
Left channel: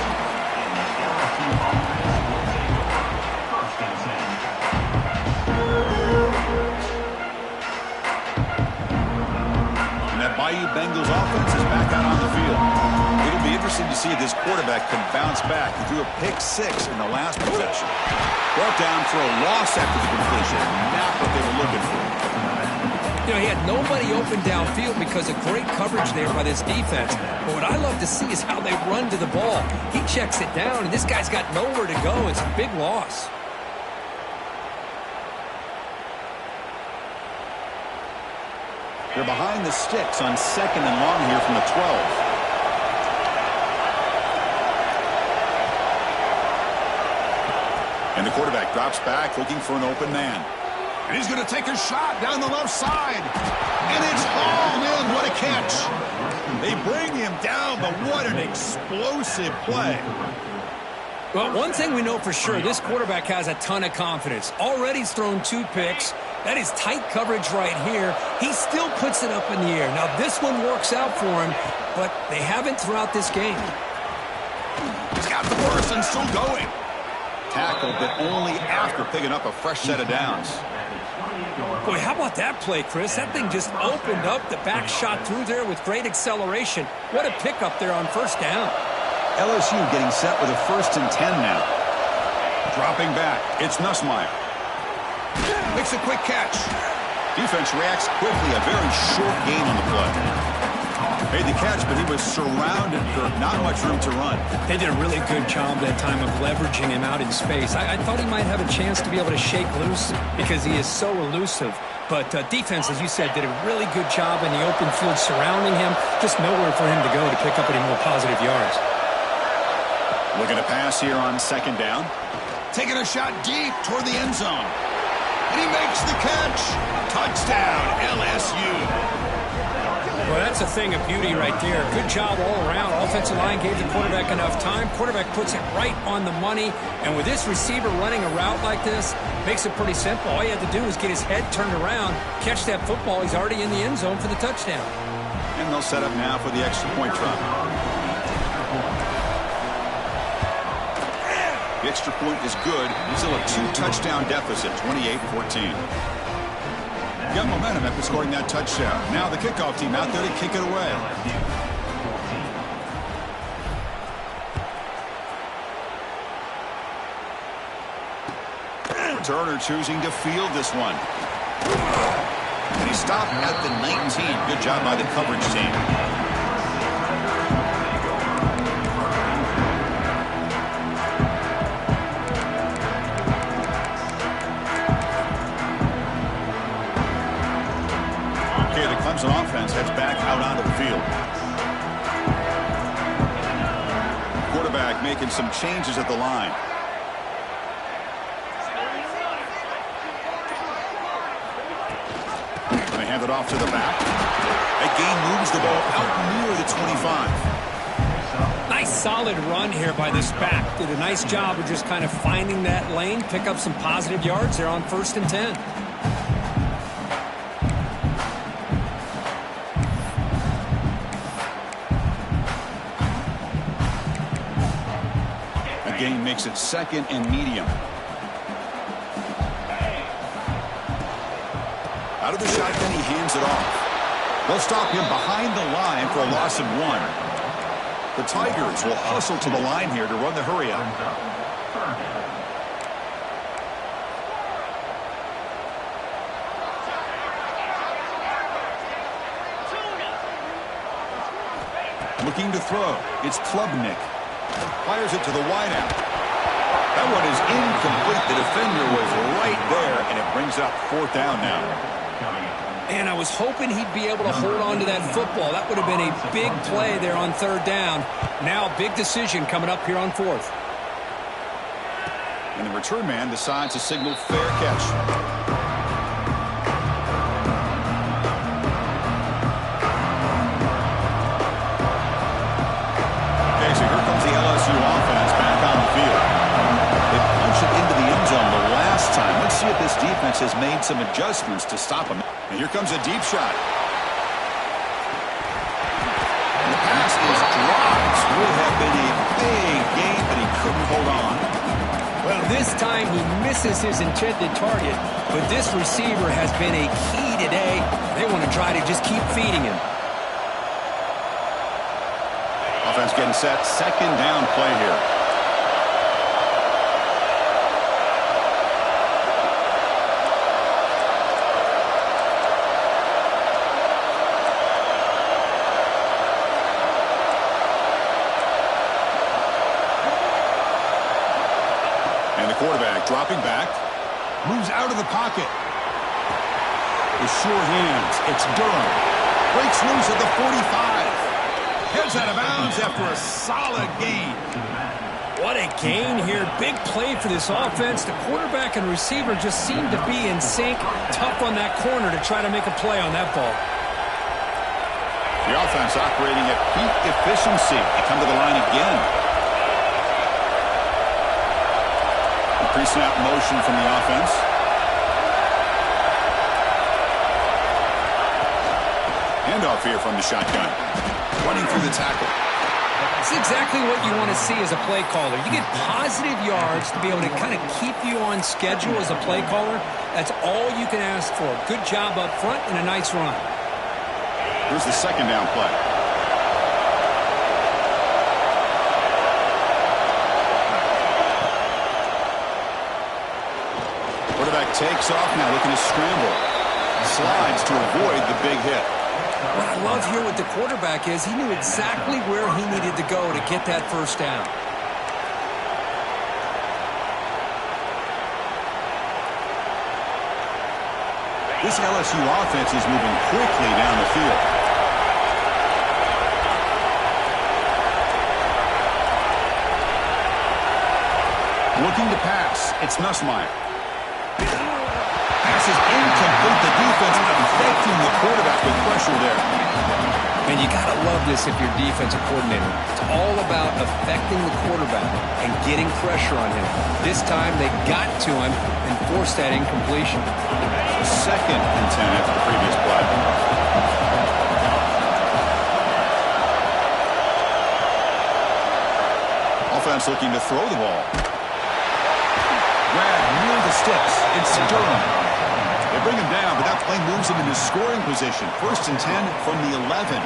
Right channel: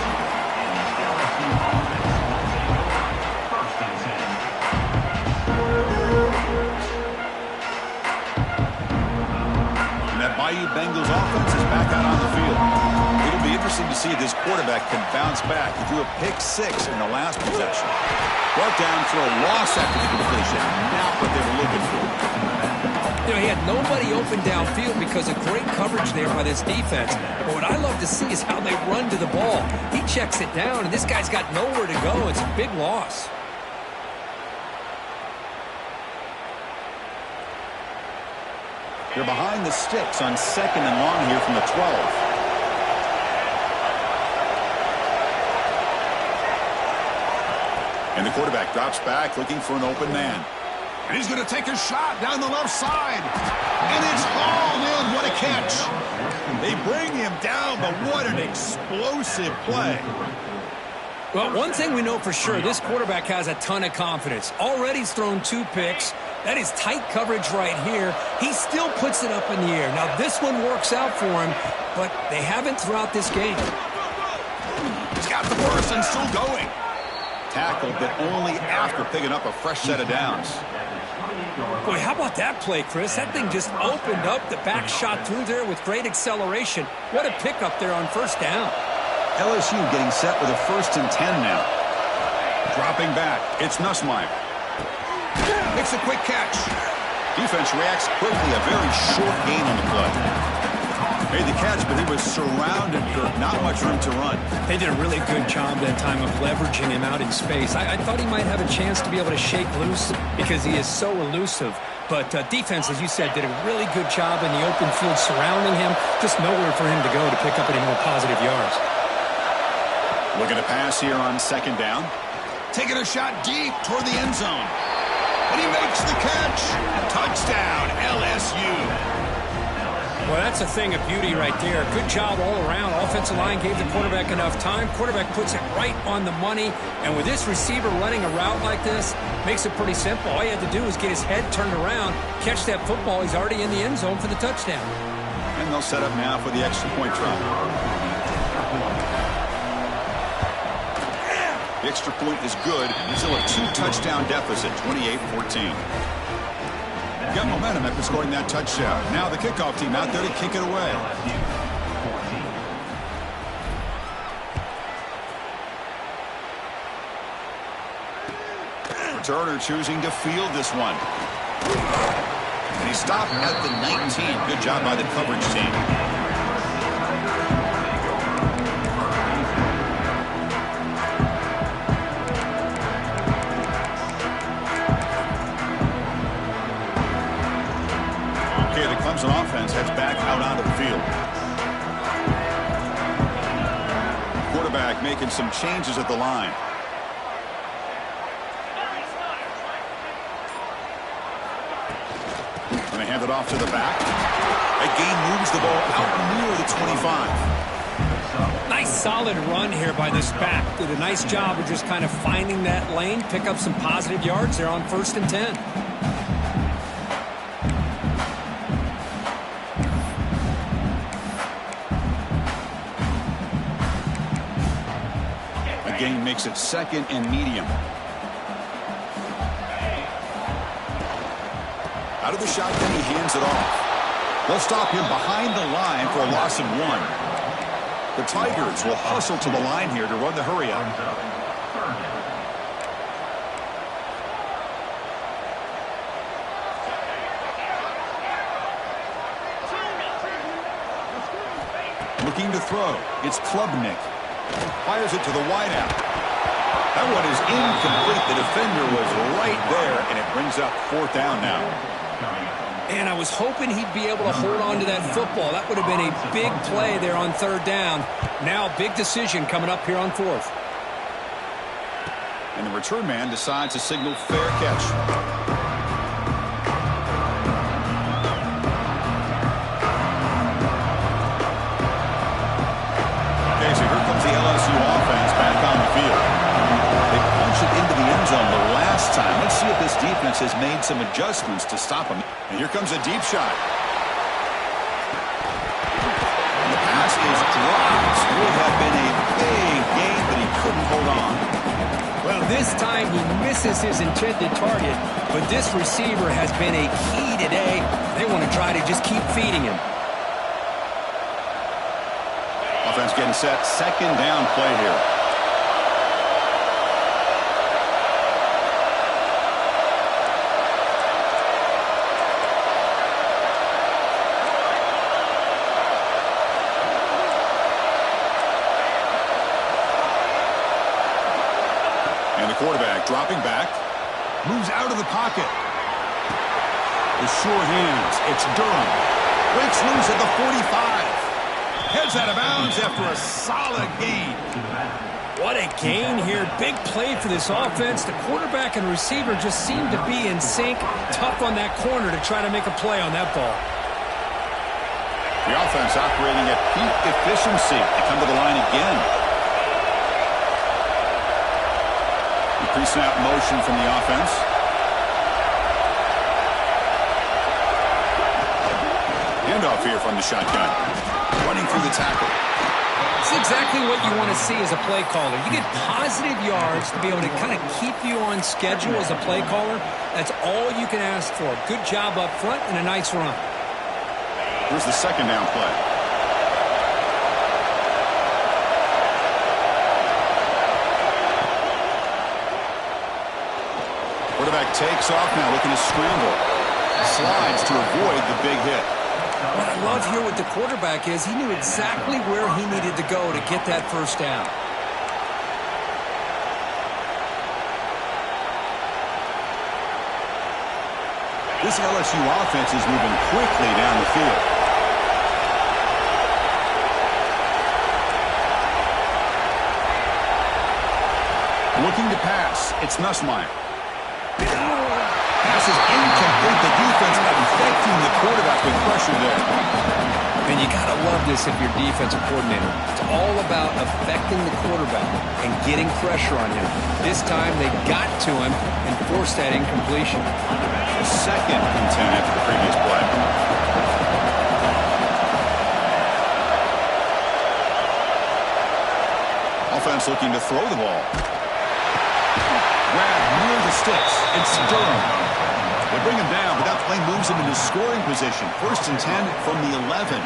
And that Bayou Bengals offense is back out on the field. It'll be interesting to see if this quarterback can bounce back. He threw a pick six in the last possession. Brought down for a loss after the completion. Not what they were looking for. You know, he had nobody open downfield because of great coverage there by this defense. But what I love to see is how they run to the ball. He checks it down, and this guy's got nowhere to go. It's a big loss. They're behind the sticks on 2nd and long here from the 12. And the quarterback drops back looking for an open man. And he's going to take a shot down the left side. And it's hauled in. What a catch. They bring him down, but what an explosive play. Well, one thing we know for sure, this quarterback has a ton of confidence. Already he's thrown 2 picks. That is tight coverage right here. He still puts it up in the air. Now, this one works out for him, but they haven't throughout this game. He's got the burst and still going. Tackled, but only after picking up a fresh set of downs. Boy, how about that play, Chris? That thing just opened up. The back shot through there with great acceleration. What a pickup there on first down. LSU getting set with a 1st and 10 now. Dropping back, it's Nussmeier. Makes a quick catch. Defense reacts quickly. A very short gain on the play. Made the catch, but he was surrounded, Kirk. Not much room to run. They did a really good job that time of leveraging him out in space. I thought he might have a chance to be able to shake loose because he is so elusive. But defense, as you said, did a really good job in the open field surrounding him. Just nowhere for him to go to pick up any more positive yards. Looking to pass here on 2nd down. Taking a shot deep toward the end zone. And he makes the catch. Touchdown, LSU. Well, that's a thing of beauty right there. Good job all around. Offensive line gave the quarterback enough time. Quarterback puts it right on the money. And with this receiver running a route like this, makes it pretty simple. All you have to do is get his head turned around, catch that football. He's already in the end zone for the touchdown. And they'll set up now for the extra point try. The extra point is good. Still a 2-touchdown deficit, 28-14. Got momentum after scoring that touchdown. Now the kickoff team out there to kick it away. Returner choosing to field this one. And he stopped at the 19. Good job by the coverage team. The Clemson offense heads back out onto the field. Quarterback making some changes at the line. And they hand it off to the back. That gain moves the ball out near the 25. Nice solid run here by this back. Did a nice job of just kind of finding that lane, pick up some positive yards there on 1st and 10. Gain makes it 2nd and medium. Out of the shotgun, he hands it off. They'll stop him behind the line for a loss of 1. The Tigers will hustle to the line here to run the hurry up. Looking to throw. It's Klubnik. Fires it to the wideout. That one is incomplete. The defender was right there, and it brings up 4th down now. And I was hoping he'd be able to hold on to that football. That would have been a big play there on 3rd down. Now, big decision coming up here on 4th. And the return man decides to signal fair catch. Okay, so here comes the LSU offense back on the field. They punched it into the end zone the last time. Let's see if this defense has made some adjustments to stop them. And here comes a deep shot. And the pass is dropped. Would have been a big gain, but he couldn't hold on. Well, this time he misses his intended target, but this receiver has been a key today. They want to try to just keep feeding him. Offense getting set. 2nd down play here. And the quarterback dropping back. Moves out of the pocket. With sure hands, it's Durham. Breaks loose at the 45. Heads out of bounds after a solid gain. What a gain here. Big play for this offense. The quarterback and receiver just seem to be in sync. Tough on that corner to try to make a play on that ball. The offense operating at peak efficiency. They come to the line again. Pre-snap motion from the offense. Handoff here from the shotgun. Running through the tackle. It's exactly what you want to see as a play caller. You get positive yards to be able to kind of keep you on schedule as a play caller. That's all you can ask for. Good job up front and a nice run. Here's the 2nd down play. Quarterback takes off now, looking to scramble. Slides to avoid the big hit. What I love here with the quarterback is he knew exactly where he needed to go to get that 1st down. This LSU offense is moving quickly down the field. Looking to pass. It's Nussmeier. Pass is incomplete. The defense affecting the quarterback with pressure there. And you got to love this if you're defensive coordinator. It's all about affecting the quarterback and getting pressure on him. This time they got to him and forced that incompletion. 2nd and 10 after the previous play. Offense looking to throw the ball. Grab near the sticks. It's Durham. They bring him down, but that play moves him into scoring position. 1st and 10 from the 11.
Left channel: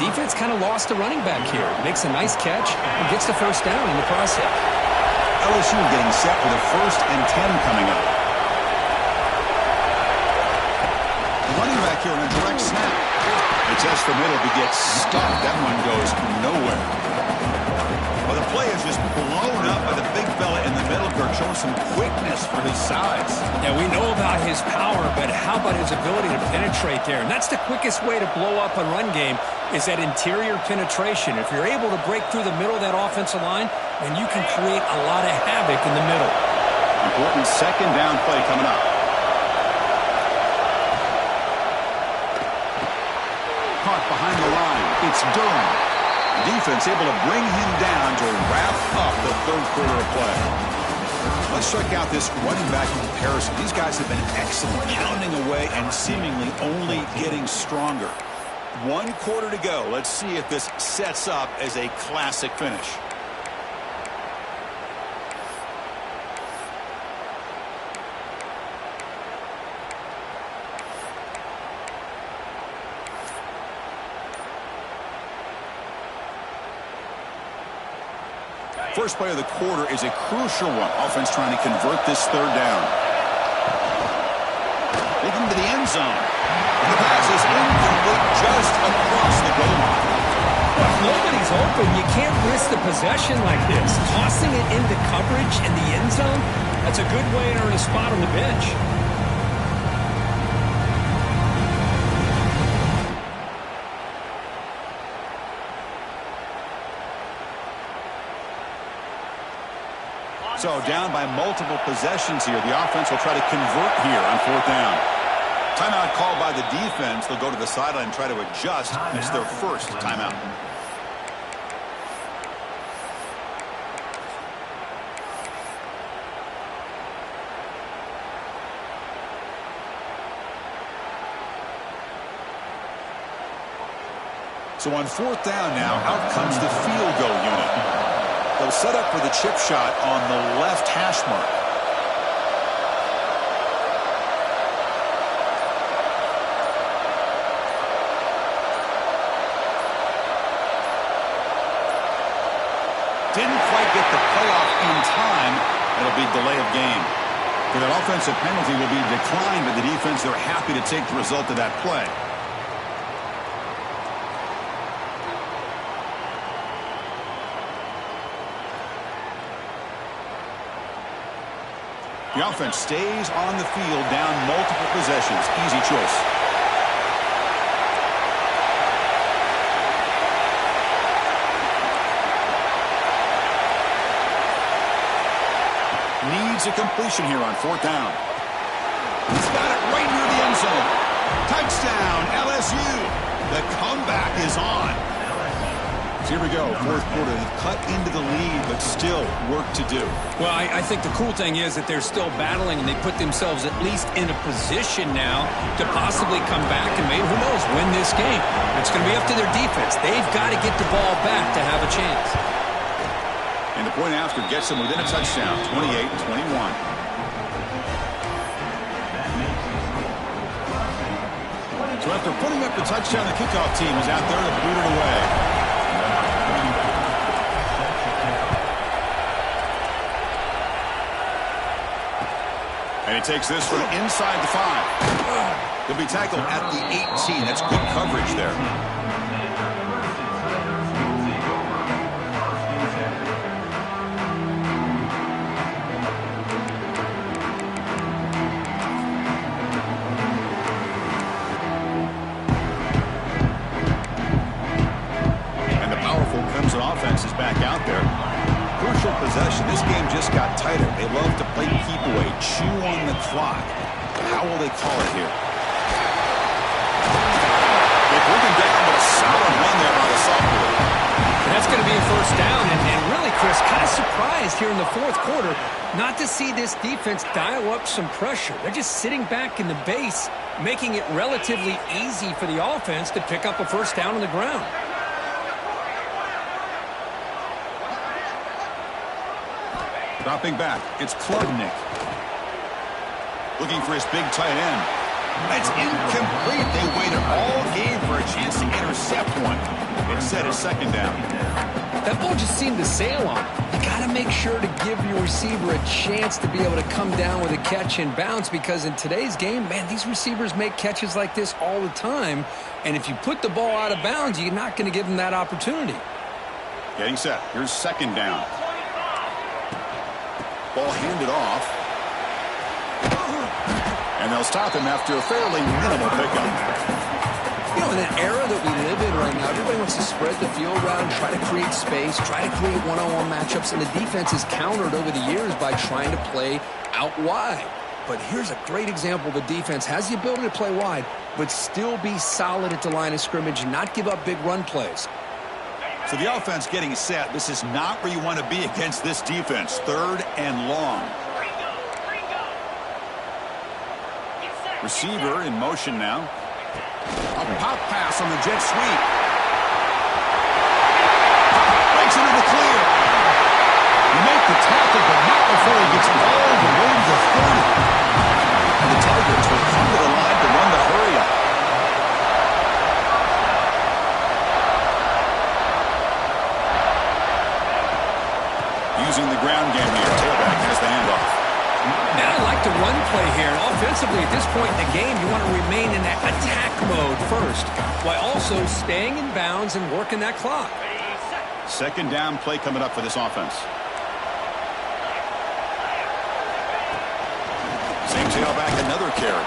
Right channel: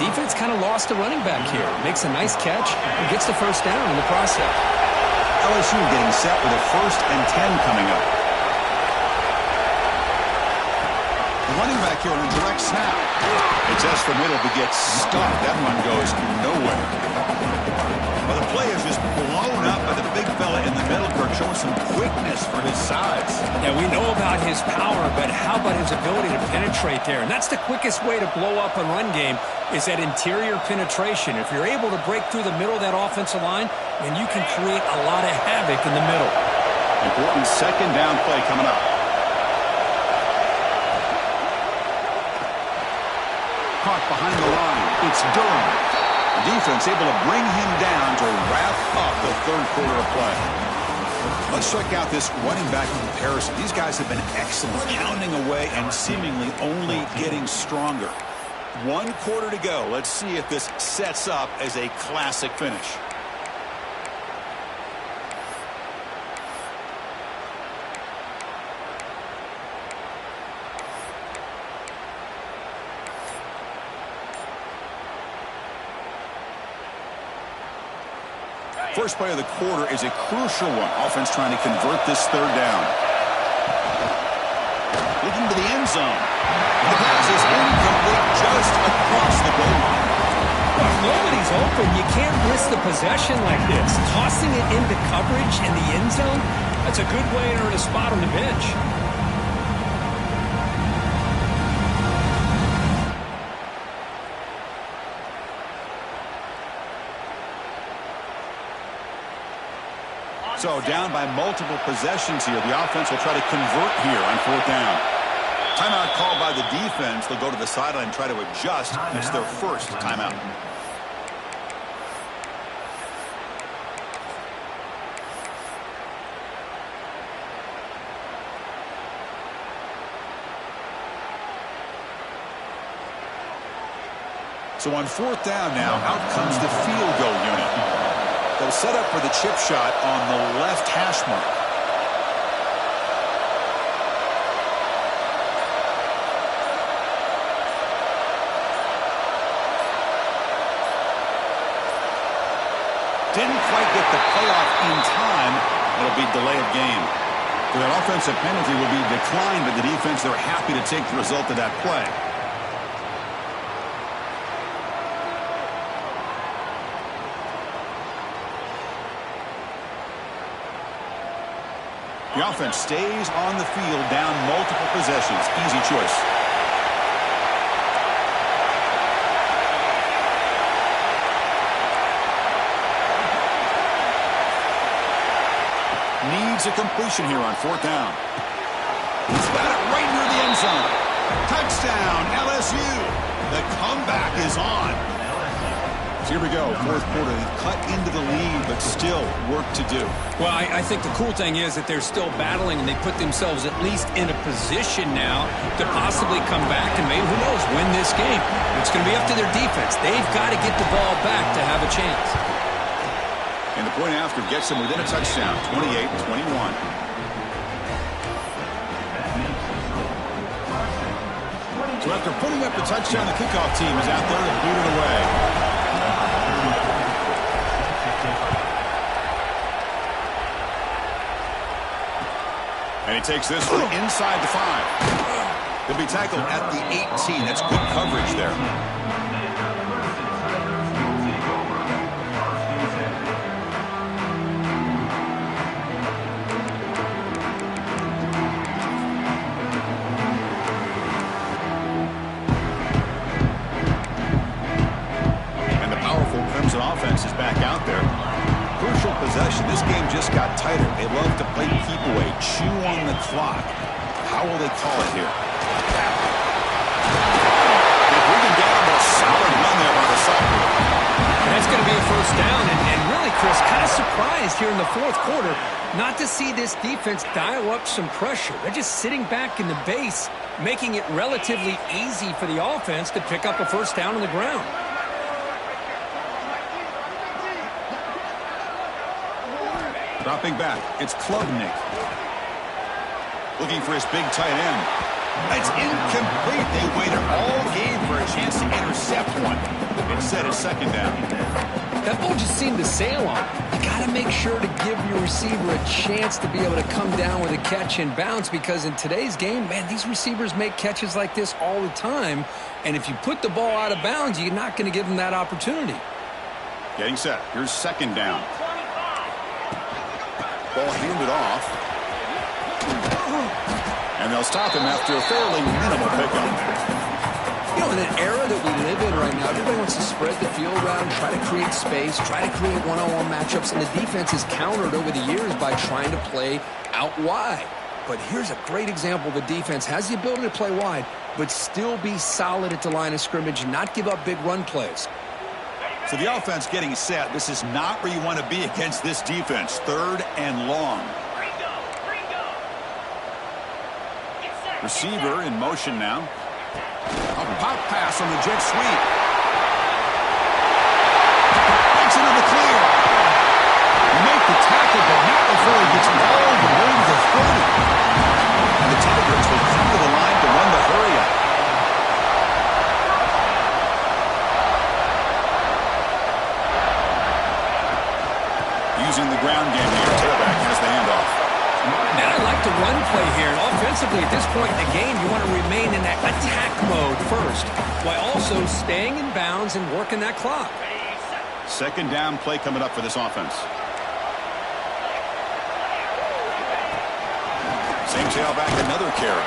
Defense kind of lost the running back here. Makes a nice catch and gets the 1st down in the process. LSU getting set with a 1st and 10 coming up. The running back here on a direct snap. It's S for middle, but gets stuck. That one goes nowhere. Well, the play is just blown up by the big fella in the middle, Kirk, showing some quickness for his size. Yeah, we know about his power, but how about his ability to penetrate there? And that's the quickest way to blow up a run game is that interior penetration. If you're able to break through the middle of that offensive line, then you can create a lot of havoc in the middle. Important 2nd down play coming up. Caught behind the line. It's Durham. Defense able to bring him down to wrap up the 3rd quarter of play. Let's check out this running back comparison. These guys have been excellent, pounding away and seemingly only getting stronger. 1 quarter to go. Let's see if this sets up as a classic finish. First play of the quarter is a crucial one. Offense trying to convert this third down. Looking to the end zone. The pass is incomplete just across the goal line. Well, if nobody's open, you can't risk the possession like this. Tossing it into coverage in the end zone, that's a good way to earn a spot on the bench. So down by multiple possessions here. The offense will try to convert here on fourth down. Timeout called by the defense. They'll go to the sideline and try to adjust. It's their first timeout. So on fourth down now, out comes the field goal unit. They'll set up for the chip shot on the left hash mark. Didn't quite get the playoff in time. It'll be delay of game. For that offensive penalty will be declined by the defense. They're happy to take the result of that play. The offense stays on the field down multiple possessions. Easy choice. Needs a completion here on fourth down. He's got it right near the end zone. Touchdown, LSU. The comeback is on. Here we go, fourth quarter. They've cut into the lead, but still work to do. Well, I think the cool thing is that they're still battling, and they put themselves at least in a position now to possibly come back and maybe, who knows, win this game. It's going to be up to their defense. They've got to get the ball back to have a chance. And the point after gets them within a touchdown, 28-21. So after putting up the touchdown, the kickoff team is out there to boot it away. And he takes this from inside the 5. He'll be tackled at the 18. That's good coverage there. And the powerful Clemson offense is back out there. Crucial possession. This game just got tighter. They love to play keep away, chew on the clock. How will they call it here? They bring him down, but a solid run there by the sophomore. And that's going to be a first down. And really, Chris, kind of surprised here in the fourth quarter not to see this defense dial up some pressure. They're just sitting back in the base, making it relatively easy for the offense to pick up a first down on the ground. Dropping back, it's Klubnik. Looking for his big tight end. It's incomplete. They waited all game for a chance to intercept one. Instead, it's second down. That ball just seemed to sail on. You got to make sure to give your receiver a chance to be able to come down with a catch and bounce, because in today's game, man, these receivers make catches like this all the time. And if you put the ball out of bounds, you're not going to give them that opportunity. Getting set. Here's second down. Ball handed off. And they'll stop him after a fairly minimal pickup. You know, in an era that we live in right now, everybody wants to spread the field around, try to create space, try to create one-on-one matchups, and the defense is countered over the years by trying to play out wide. But here's a great example. The defense has the ability to play wide, but still be solid at the line of scrimmage and not give up big run plays. So the offense getting set. This is not where you want to be against this defense. Third and long. Receiver in motion now. A pop pass on the jet sweep. Breaks into the clear. You make the tackle, but not before he gets all the way to the 30. And the Tigers will come to the line to run the hurry up. using the ground game here. Tailback has the handoff. Man, I like the run play here. And offensively, at this point in the game, you want to remain in that attack mode first, while also staying in bounds and working that clock. Second down play coming up for this offense. Same tailback, another carry.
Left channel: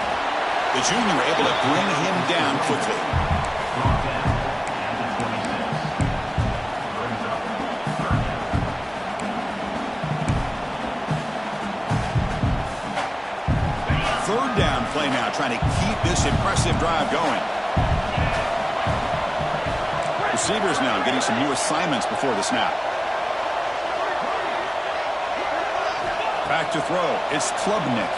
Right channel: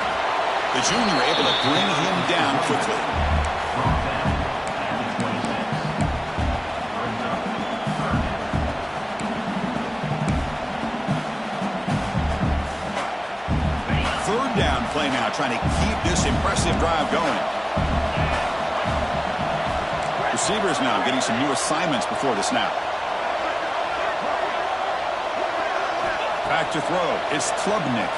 The junior able to bring him down quickly. Third down play now, trying to keep this impressive drive going. Receivers now getting some new assignments before the snap. Back to throw. It's Klubnik.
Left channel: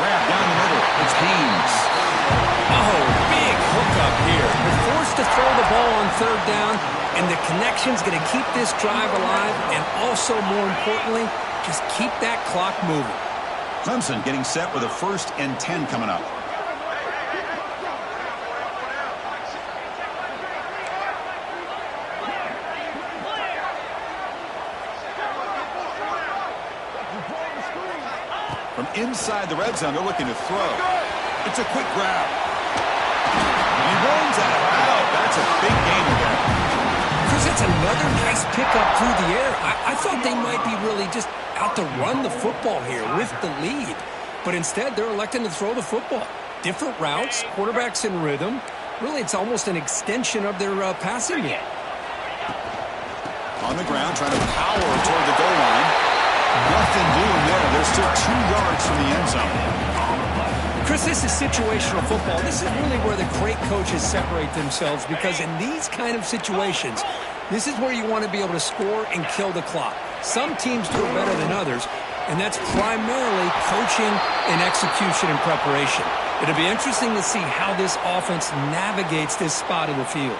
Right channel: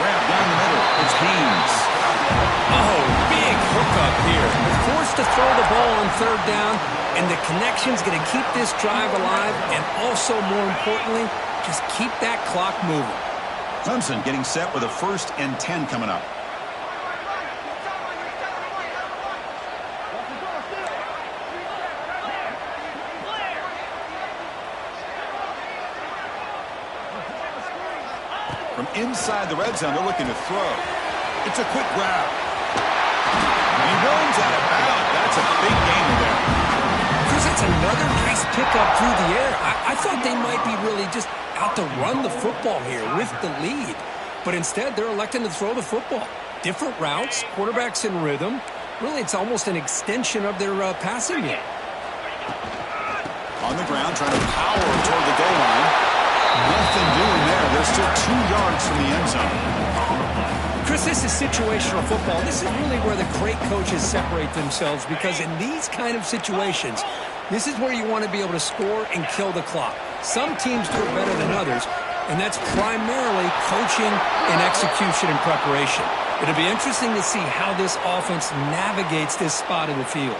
Grab down the middle. It's Haynes. Oh, big hookup here. They're forced to throw the ball on third down, and the connection's going to keep this drive alive, and also, more importantly, just keep that clock moving. Clemson getting set with a 1st and 10 coming up. From inside the red zone, they're looking to throw. It's a quick grab. He runs out of bounds. That's a big gainer there. Chris, that's another nice pickup through the air. I thought they might be really just out to run the football here with the lead. But instead, they're electing to throw the football. Different routes, quarterbacks in rhythm. Really, it's almost an extension of their passing game. On the ground, trying to power toward the goal line. Nothing doing there. They're still 2 yards from the end zone. Chris, this is situational football. This is really where the great coaches separate themselves, because in these kind of situations, this is where you want to be able to score and kill the clock. Some teams do it better than others, and that's primarily coaching and execution and preparation. It'll be interesting to see how this offense navigates this spot in the field.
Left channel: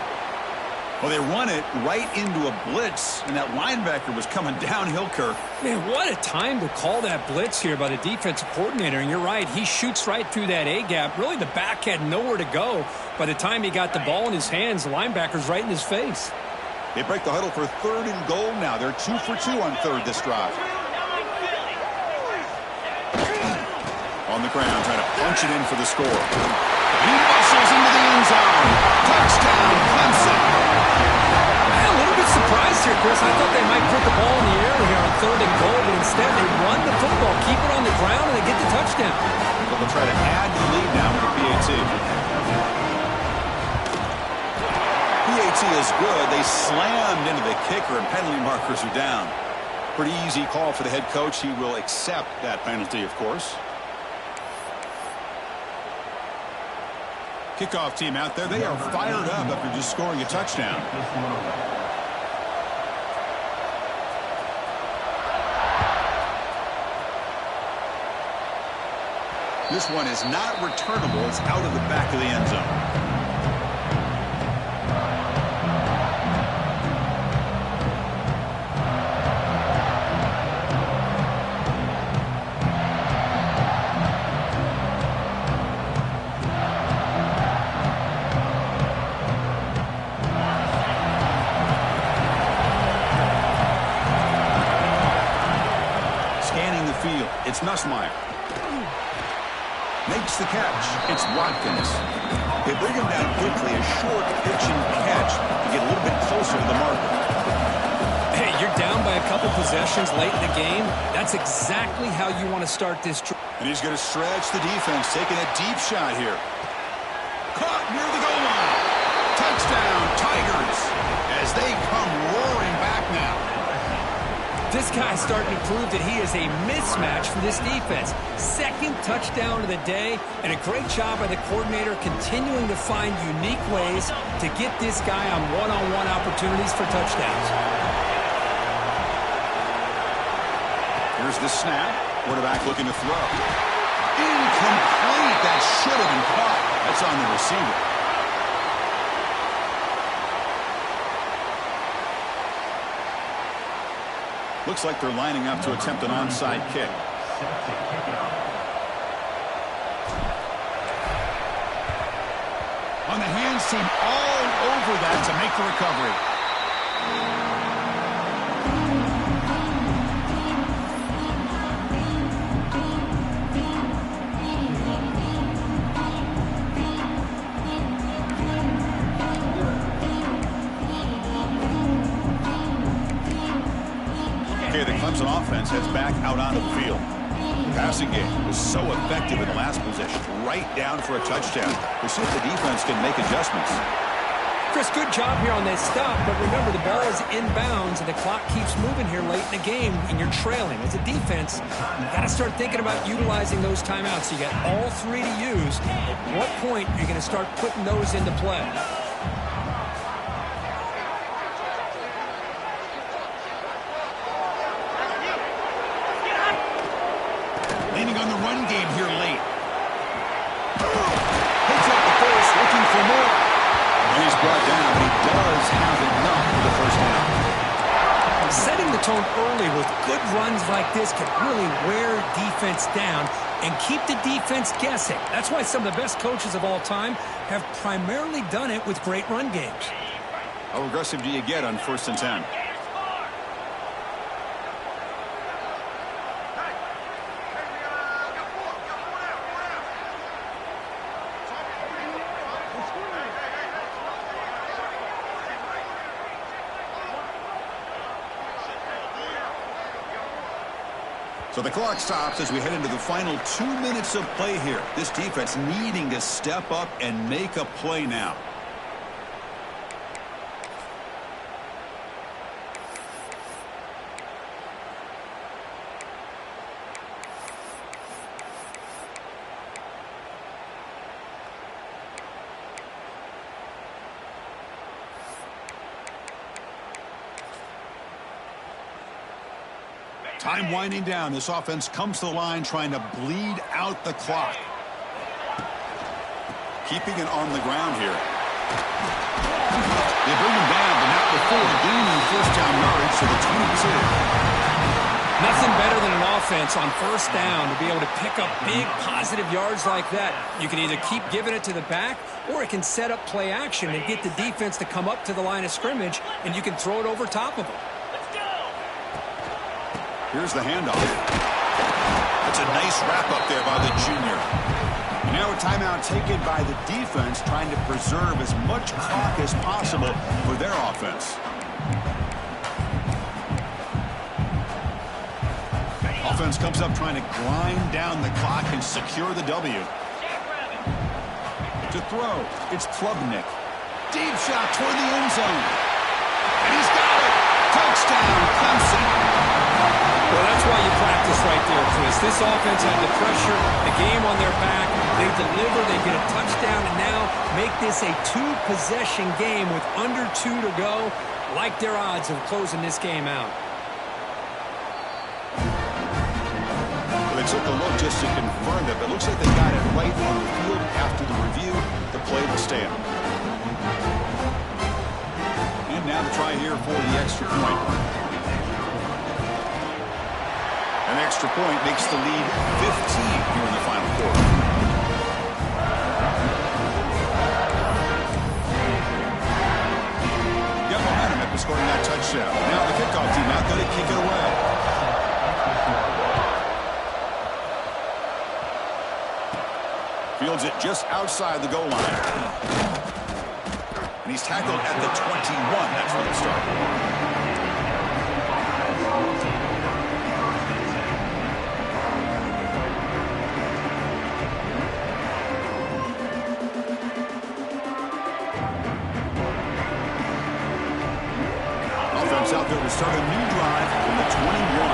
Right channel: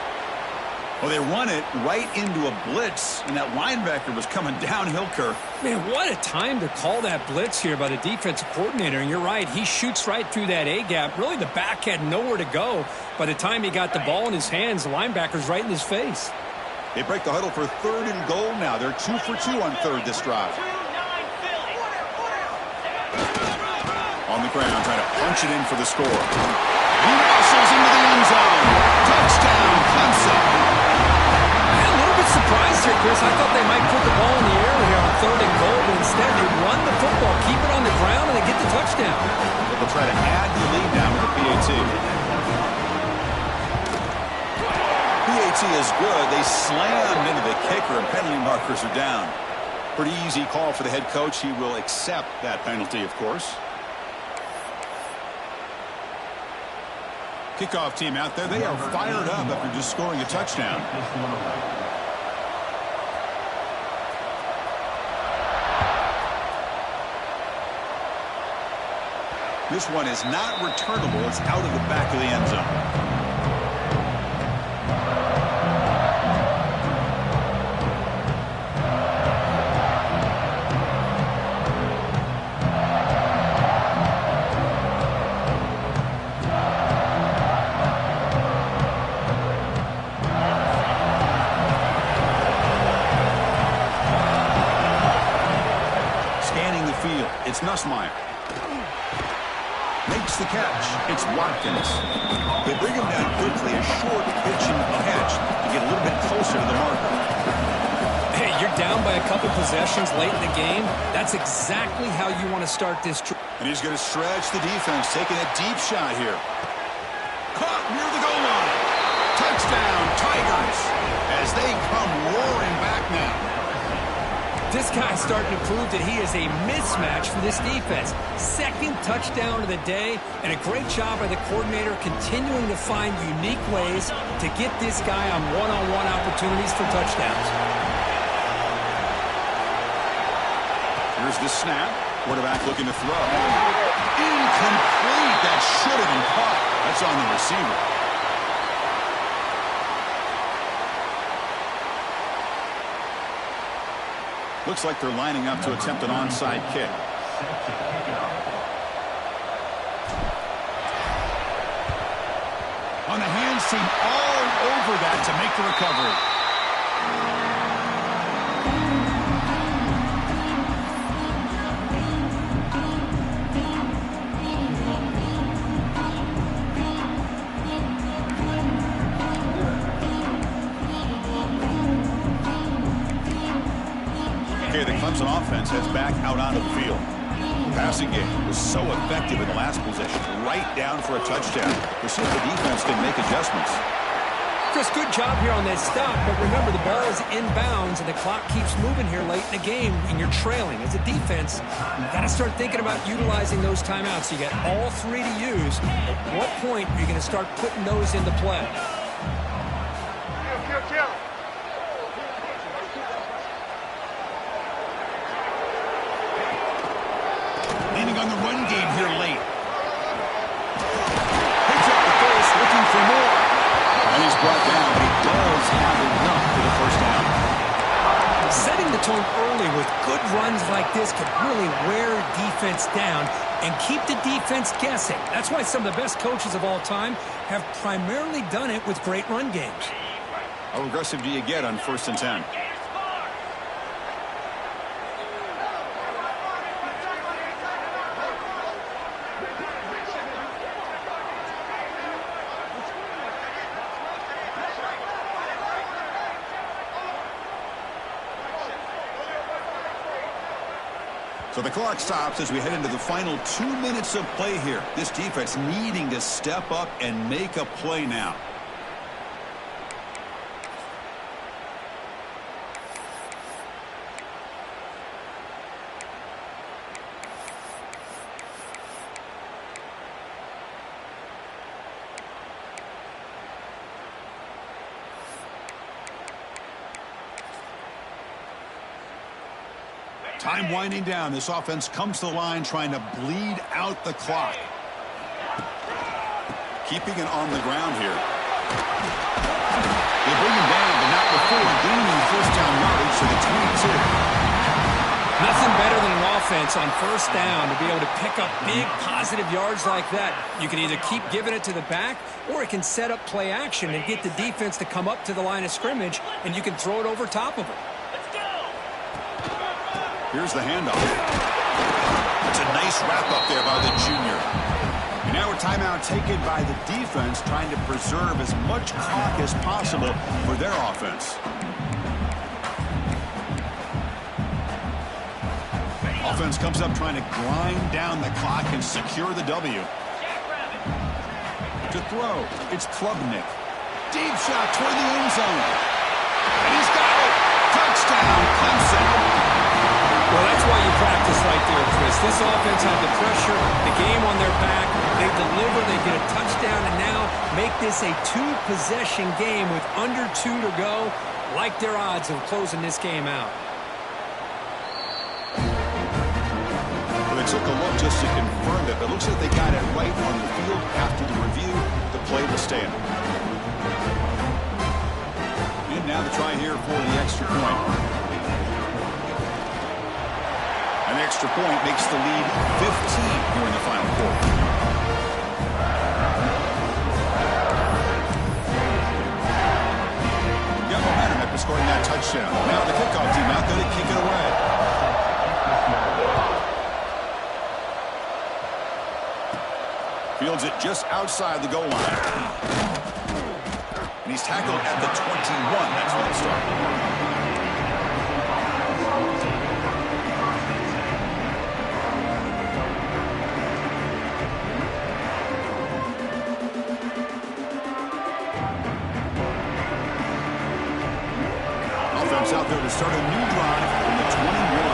Well, they run it right into a blitz, and that linebacker was coming downhill, Kirk. Man, what a time to call that blitz here by the defensive coordinator. And you're right, he shoots right through that A-gap. Really, the back had nowhere to go. By the time he got the ball in his hands, the linebacker's right in his face. They break the huddle for 3rd and goal now. They're 2 for 2 on third this drive. On the ground, trying to punch it in for the score. He muscles into the end zone. Touchdown, Clemson. I'm a little bit surprised here, Chris. I thought they might put the ball in the air here on 3rd and goal, but instead they run the football, keep it on the ground, and they get the touchdown. But they'll try to add the lead now with the PAT. PAT is good. They slammed into the kicker, and penalty markers are down. Pretty easy call for the head coach. He will accept that penalty, of course. Kickoff team out there. They are fired up after just scoring a touchdown. This one is not returnable. It's out of the back of the end zone. It's Nussmeier. Makes the catch. It's Watkins. They bring him down quickly. A short pitch and catch to get a little bit closer to the marker. Hey, you're down by a couple possessions late in the game. That's exactly how you want to start this. And he's going to stretch the defense, taking a deep shot here. Caught near the goal line. Touchdown, Tigers, as they come roaring back now. This guy's starting to prove that he is a mismatch for this defense. 2nd touchdown of the day, and a great job by the coordinator continuing to find unique ways to get this guy on one-on-one opportunities for touchdowns. Here's the snap. Quarterback looking to throw. Incomplete. That should have been caught. That's on the receiver. Looks like they're lining up to attempt an onside kick. On the hands team all over that to make the recovery. Clemson offense heads back out onto the field. Passing game was so effective in the last possession, right down for a touchdown. We'll see if the defense can make adjustments. Chris, good job here on that stop, but remember the ball is inbounds and the clock keeps moving here late in the game and you're trailing. As a defense, you've got to start thinking about utilizing those timeouts. You got all three to use. At what point are you going to start putting those into play? Leaning on the run game here late. Picks up the first, looking for more. And he's brought down, but he does have enough for the first down. Setting the tone early with good runs like this can really wear defense down and keep the defense guessing. That's why some of the best coaches of all time have primarily done it with great run games. How aggressive do you get on 1st and 10? So the clock stops as we head into the final 2 minutes of play here. This defense needing to step up and make a play now. Time winding down. This offense comes to the line trying to bleed out the clock. Keeping it on the ground here. They bring him down, but not before gaining first down yardage to the 22. Nothing better than an offense on first down to be able to pick up big positive yards like that. You can either keep giving it to the back, or it can set up play action and get the defense to come up to the line of scrimmage, and you can throw it over top of them. Here's the handoff. That's a nice wrap-up there by the junior. And now a timeout taken by the defense, trying to preserve as much clock as possible for their offense. Offense comes up trying to grind down the clock and secure the W. To throw, it's Klubnik. Deep shot toward the end zone. And he's got it. Touchdown, Clemson. Well, that's why you practice right there, Chris. This offense had the pressure, the game on their back. They deliver, they get a touchdown, and now make this a two-possession game with under 2 to go. Like their odds of closing this game out. Well, they took a look just to confirm it, but it looks like they got it right on the field. After the review, the play will stand. And now the try here for the extra point. An extra point makes the lead 15 here in the final quarter. Got momentum after scoring that touchdown. Now the kickoff team out there to kick it away. Fields it just outside the goal line. And he's tackled at the 21. That's where they start. Out there to start a new drive from the 21.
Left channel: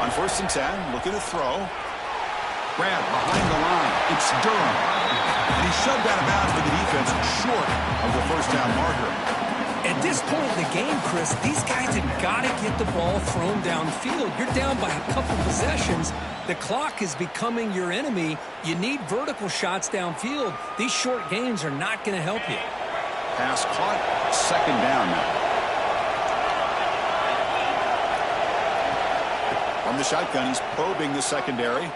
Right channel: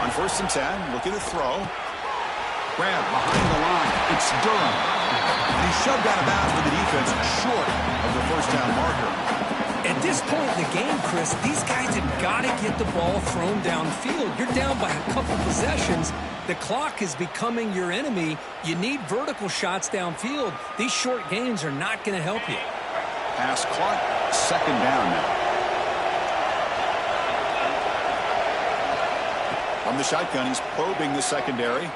On 1st and 10, looking to throw. Grab behind the line. It's Durham. And he's shoved out of bounds for the defense short of the first down marker. At this point in the game, Chris, these guys have got to get the ball thrown downfield. You're down by a couple possessions. The clock is becoming your enemy. You need vertical shots downfield. These short gains are not going to help you. Pass caught. 2nd down now. From the shotgun, he's probing the secondary.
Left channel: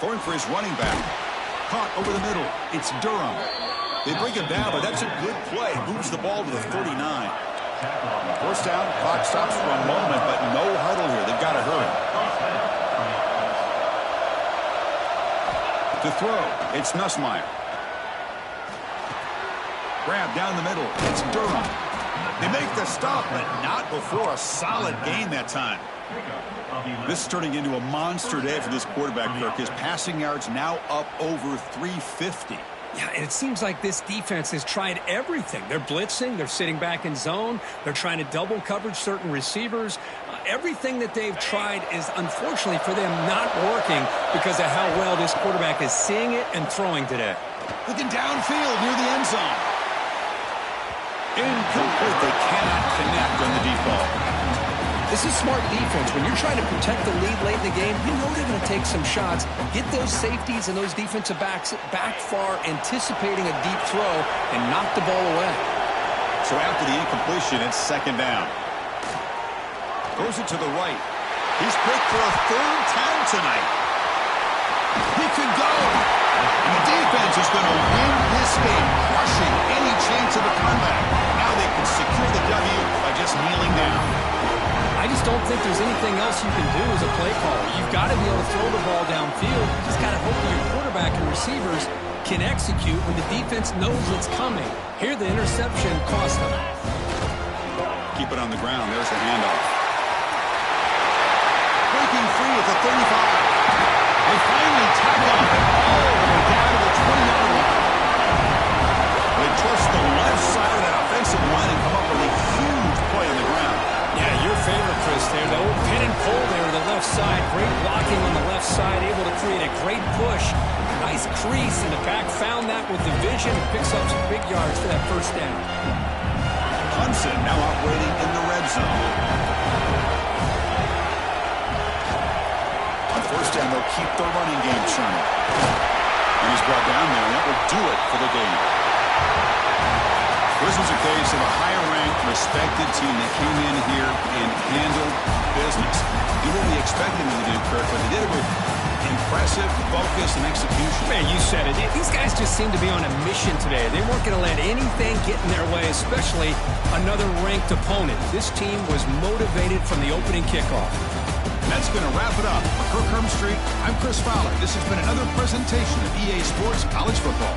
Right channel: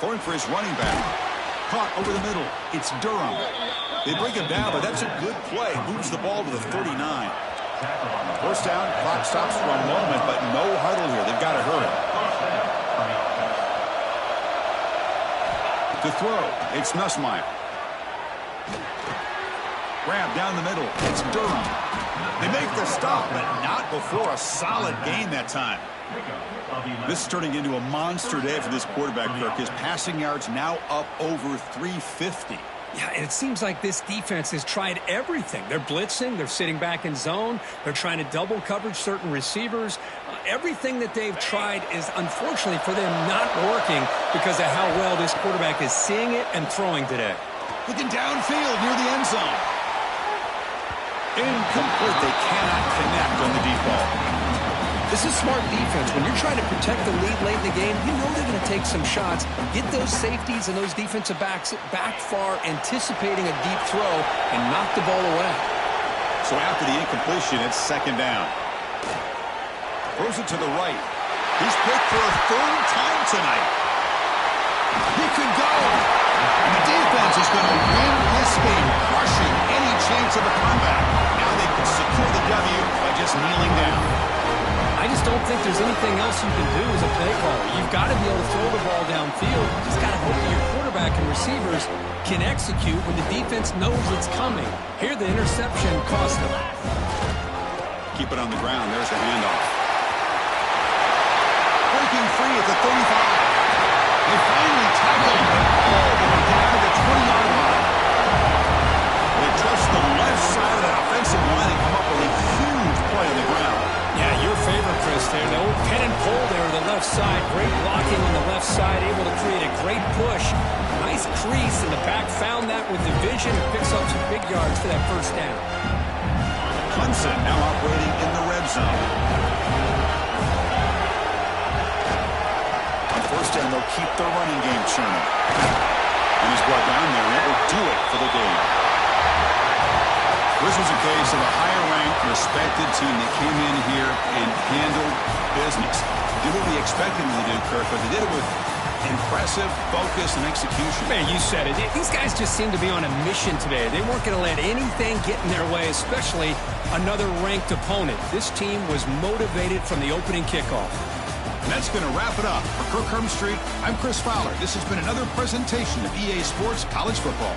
Going for his running back. Caught over the middle. It's Durham. They bring him down, but that's a good play. Moves the ball to the 39. First down, clock stops for a moment, but no huddle here. They've got to hurry. To throw, it's Nussmeier. Grab down the middle. It's Durham. They make the stop, but not before a solid gain that time. This is turning into a monster day for this quarterback, Kirk. His passing yards now up over 350. Yeah, and it seems like this defense has tried everything. They're blitzing. They're sitting back in zone. They're trying to double coverage certain receivers. Everything that they've tried is, unfortunately for them, not working because of how well this quarterback is seeing it and throwing today. Looking downfield near the end zone. Incomplete. They cannot connect on the deep ball. This is smart defense. When you're trying to protect the lead late in the game, you know they're going to take some shots, get those safeties and those defensive backs back far, anticipating a deep throw, and knock the ball away. So after the incompletion, it's second down. Throws it to the right. He's picked for a third time tonight. He could go. And the defense is going to win this game, crushing any chance of a comeback. Now they can secure the W by just kneeling down. I just don't think there's anything else you can do as a play caller. You've got to be able to throw the ball downfield. You just got to hope that your quarterback and receivers can execute when the defense knows it's coming. Here, the interception cost them. Keep it on the ground. There's the handoff. Breaking free at the 35. They finally tackle him all the way down to the 20-yard line. They trust the left side of that offensive line and come up with a huge play on the ground. Yeah, your favorite, Chris, there. The old pin and pull there to the left side. Great blocking on the left side, able to create a great push. Nice crease, and the back found that with the vision and picks up some big yards for that first down. Clemson now operating in the red zone. On first down, they'll keep their running game churning. And he's brought down there, and that will do it for the game. This was a case of a higher-ranked, respected team that came in here and handled business. Did what we expected them to do, Kirk, but they did it with impressive focus and execution. Man, you said it. These guys just seem to be on a mission today. They weren't going to let anything get in their way, especially another ranked opponent. This team was motivated from the opening kickoff. And that's going to wrap it up. For Kirk Street, I'm Chris Fowler. This has been another presentation of EA Sports College Football.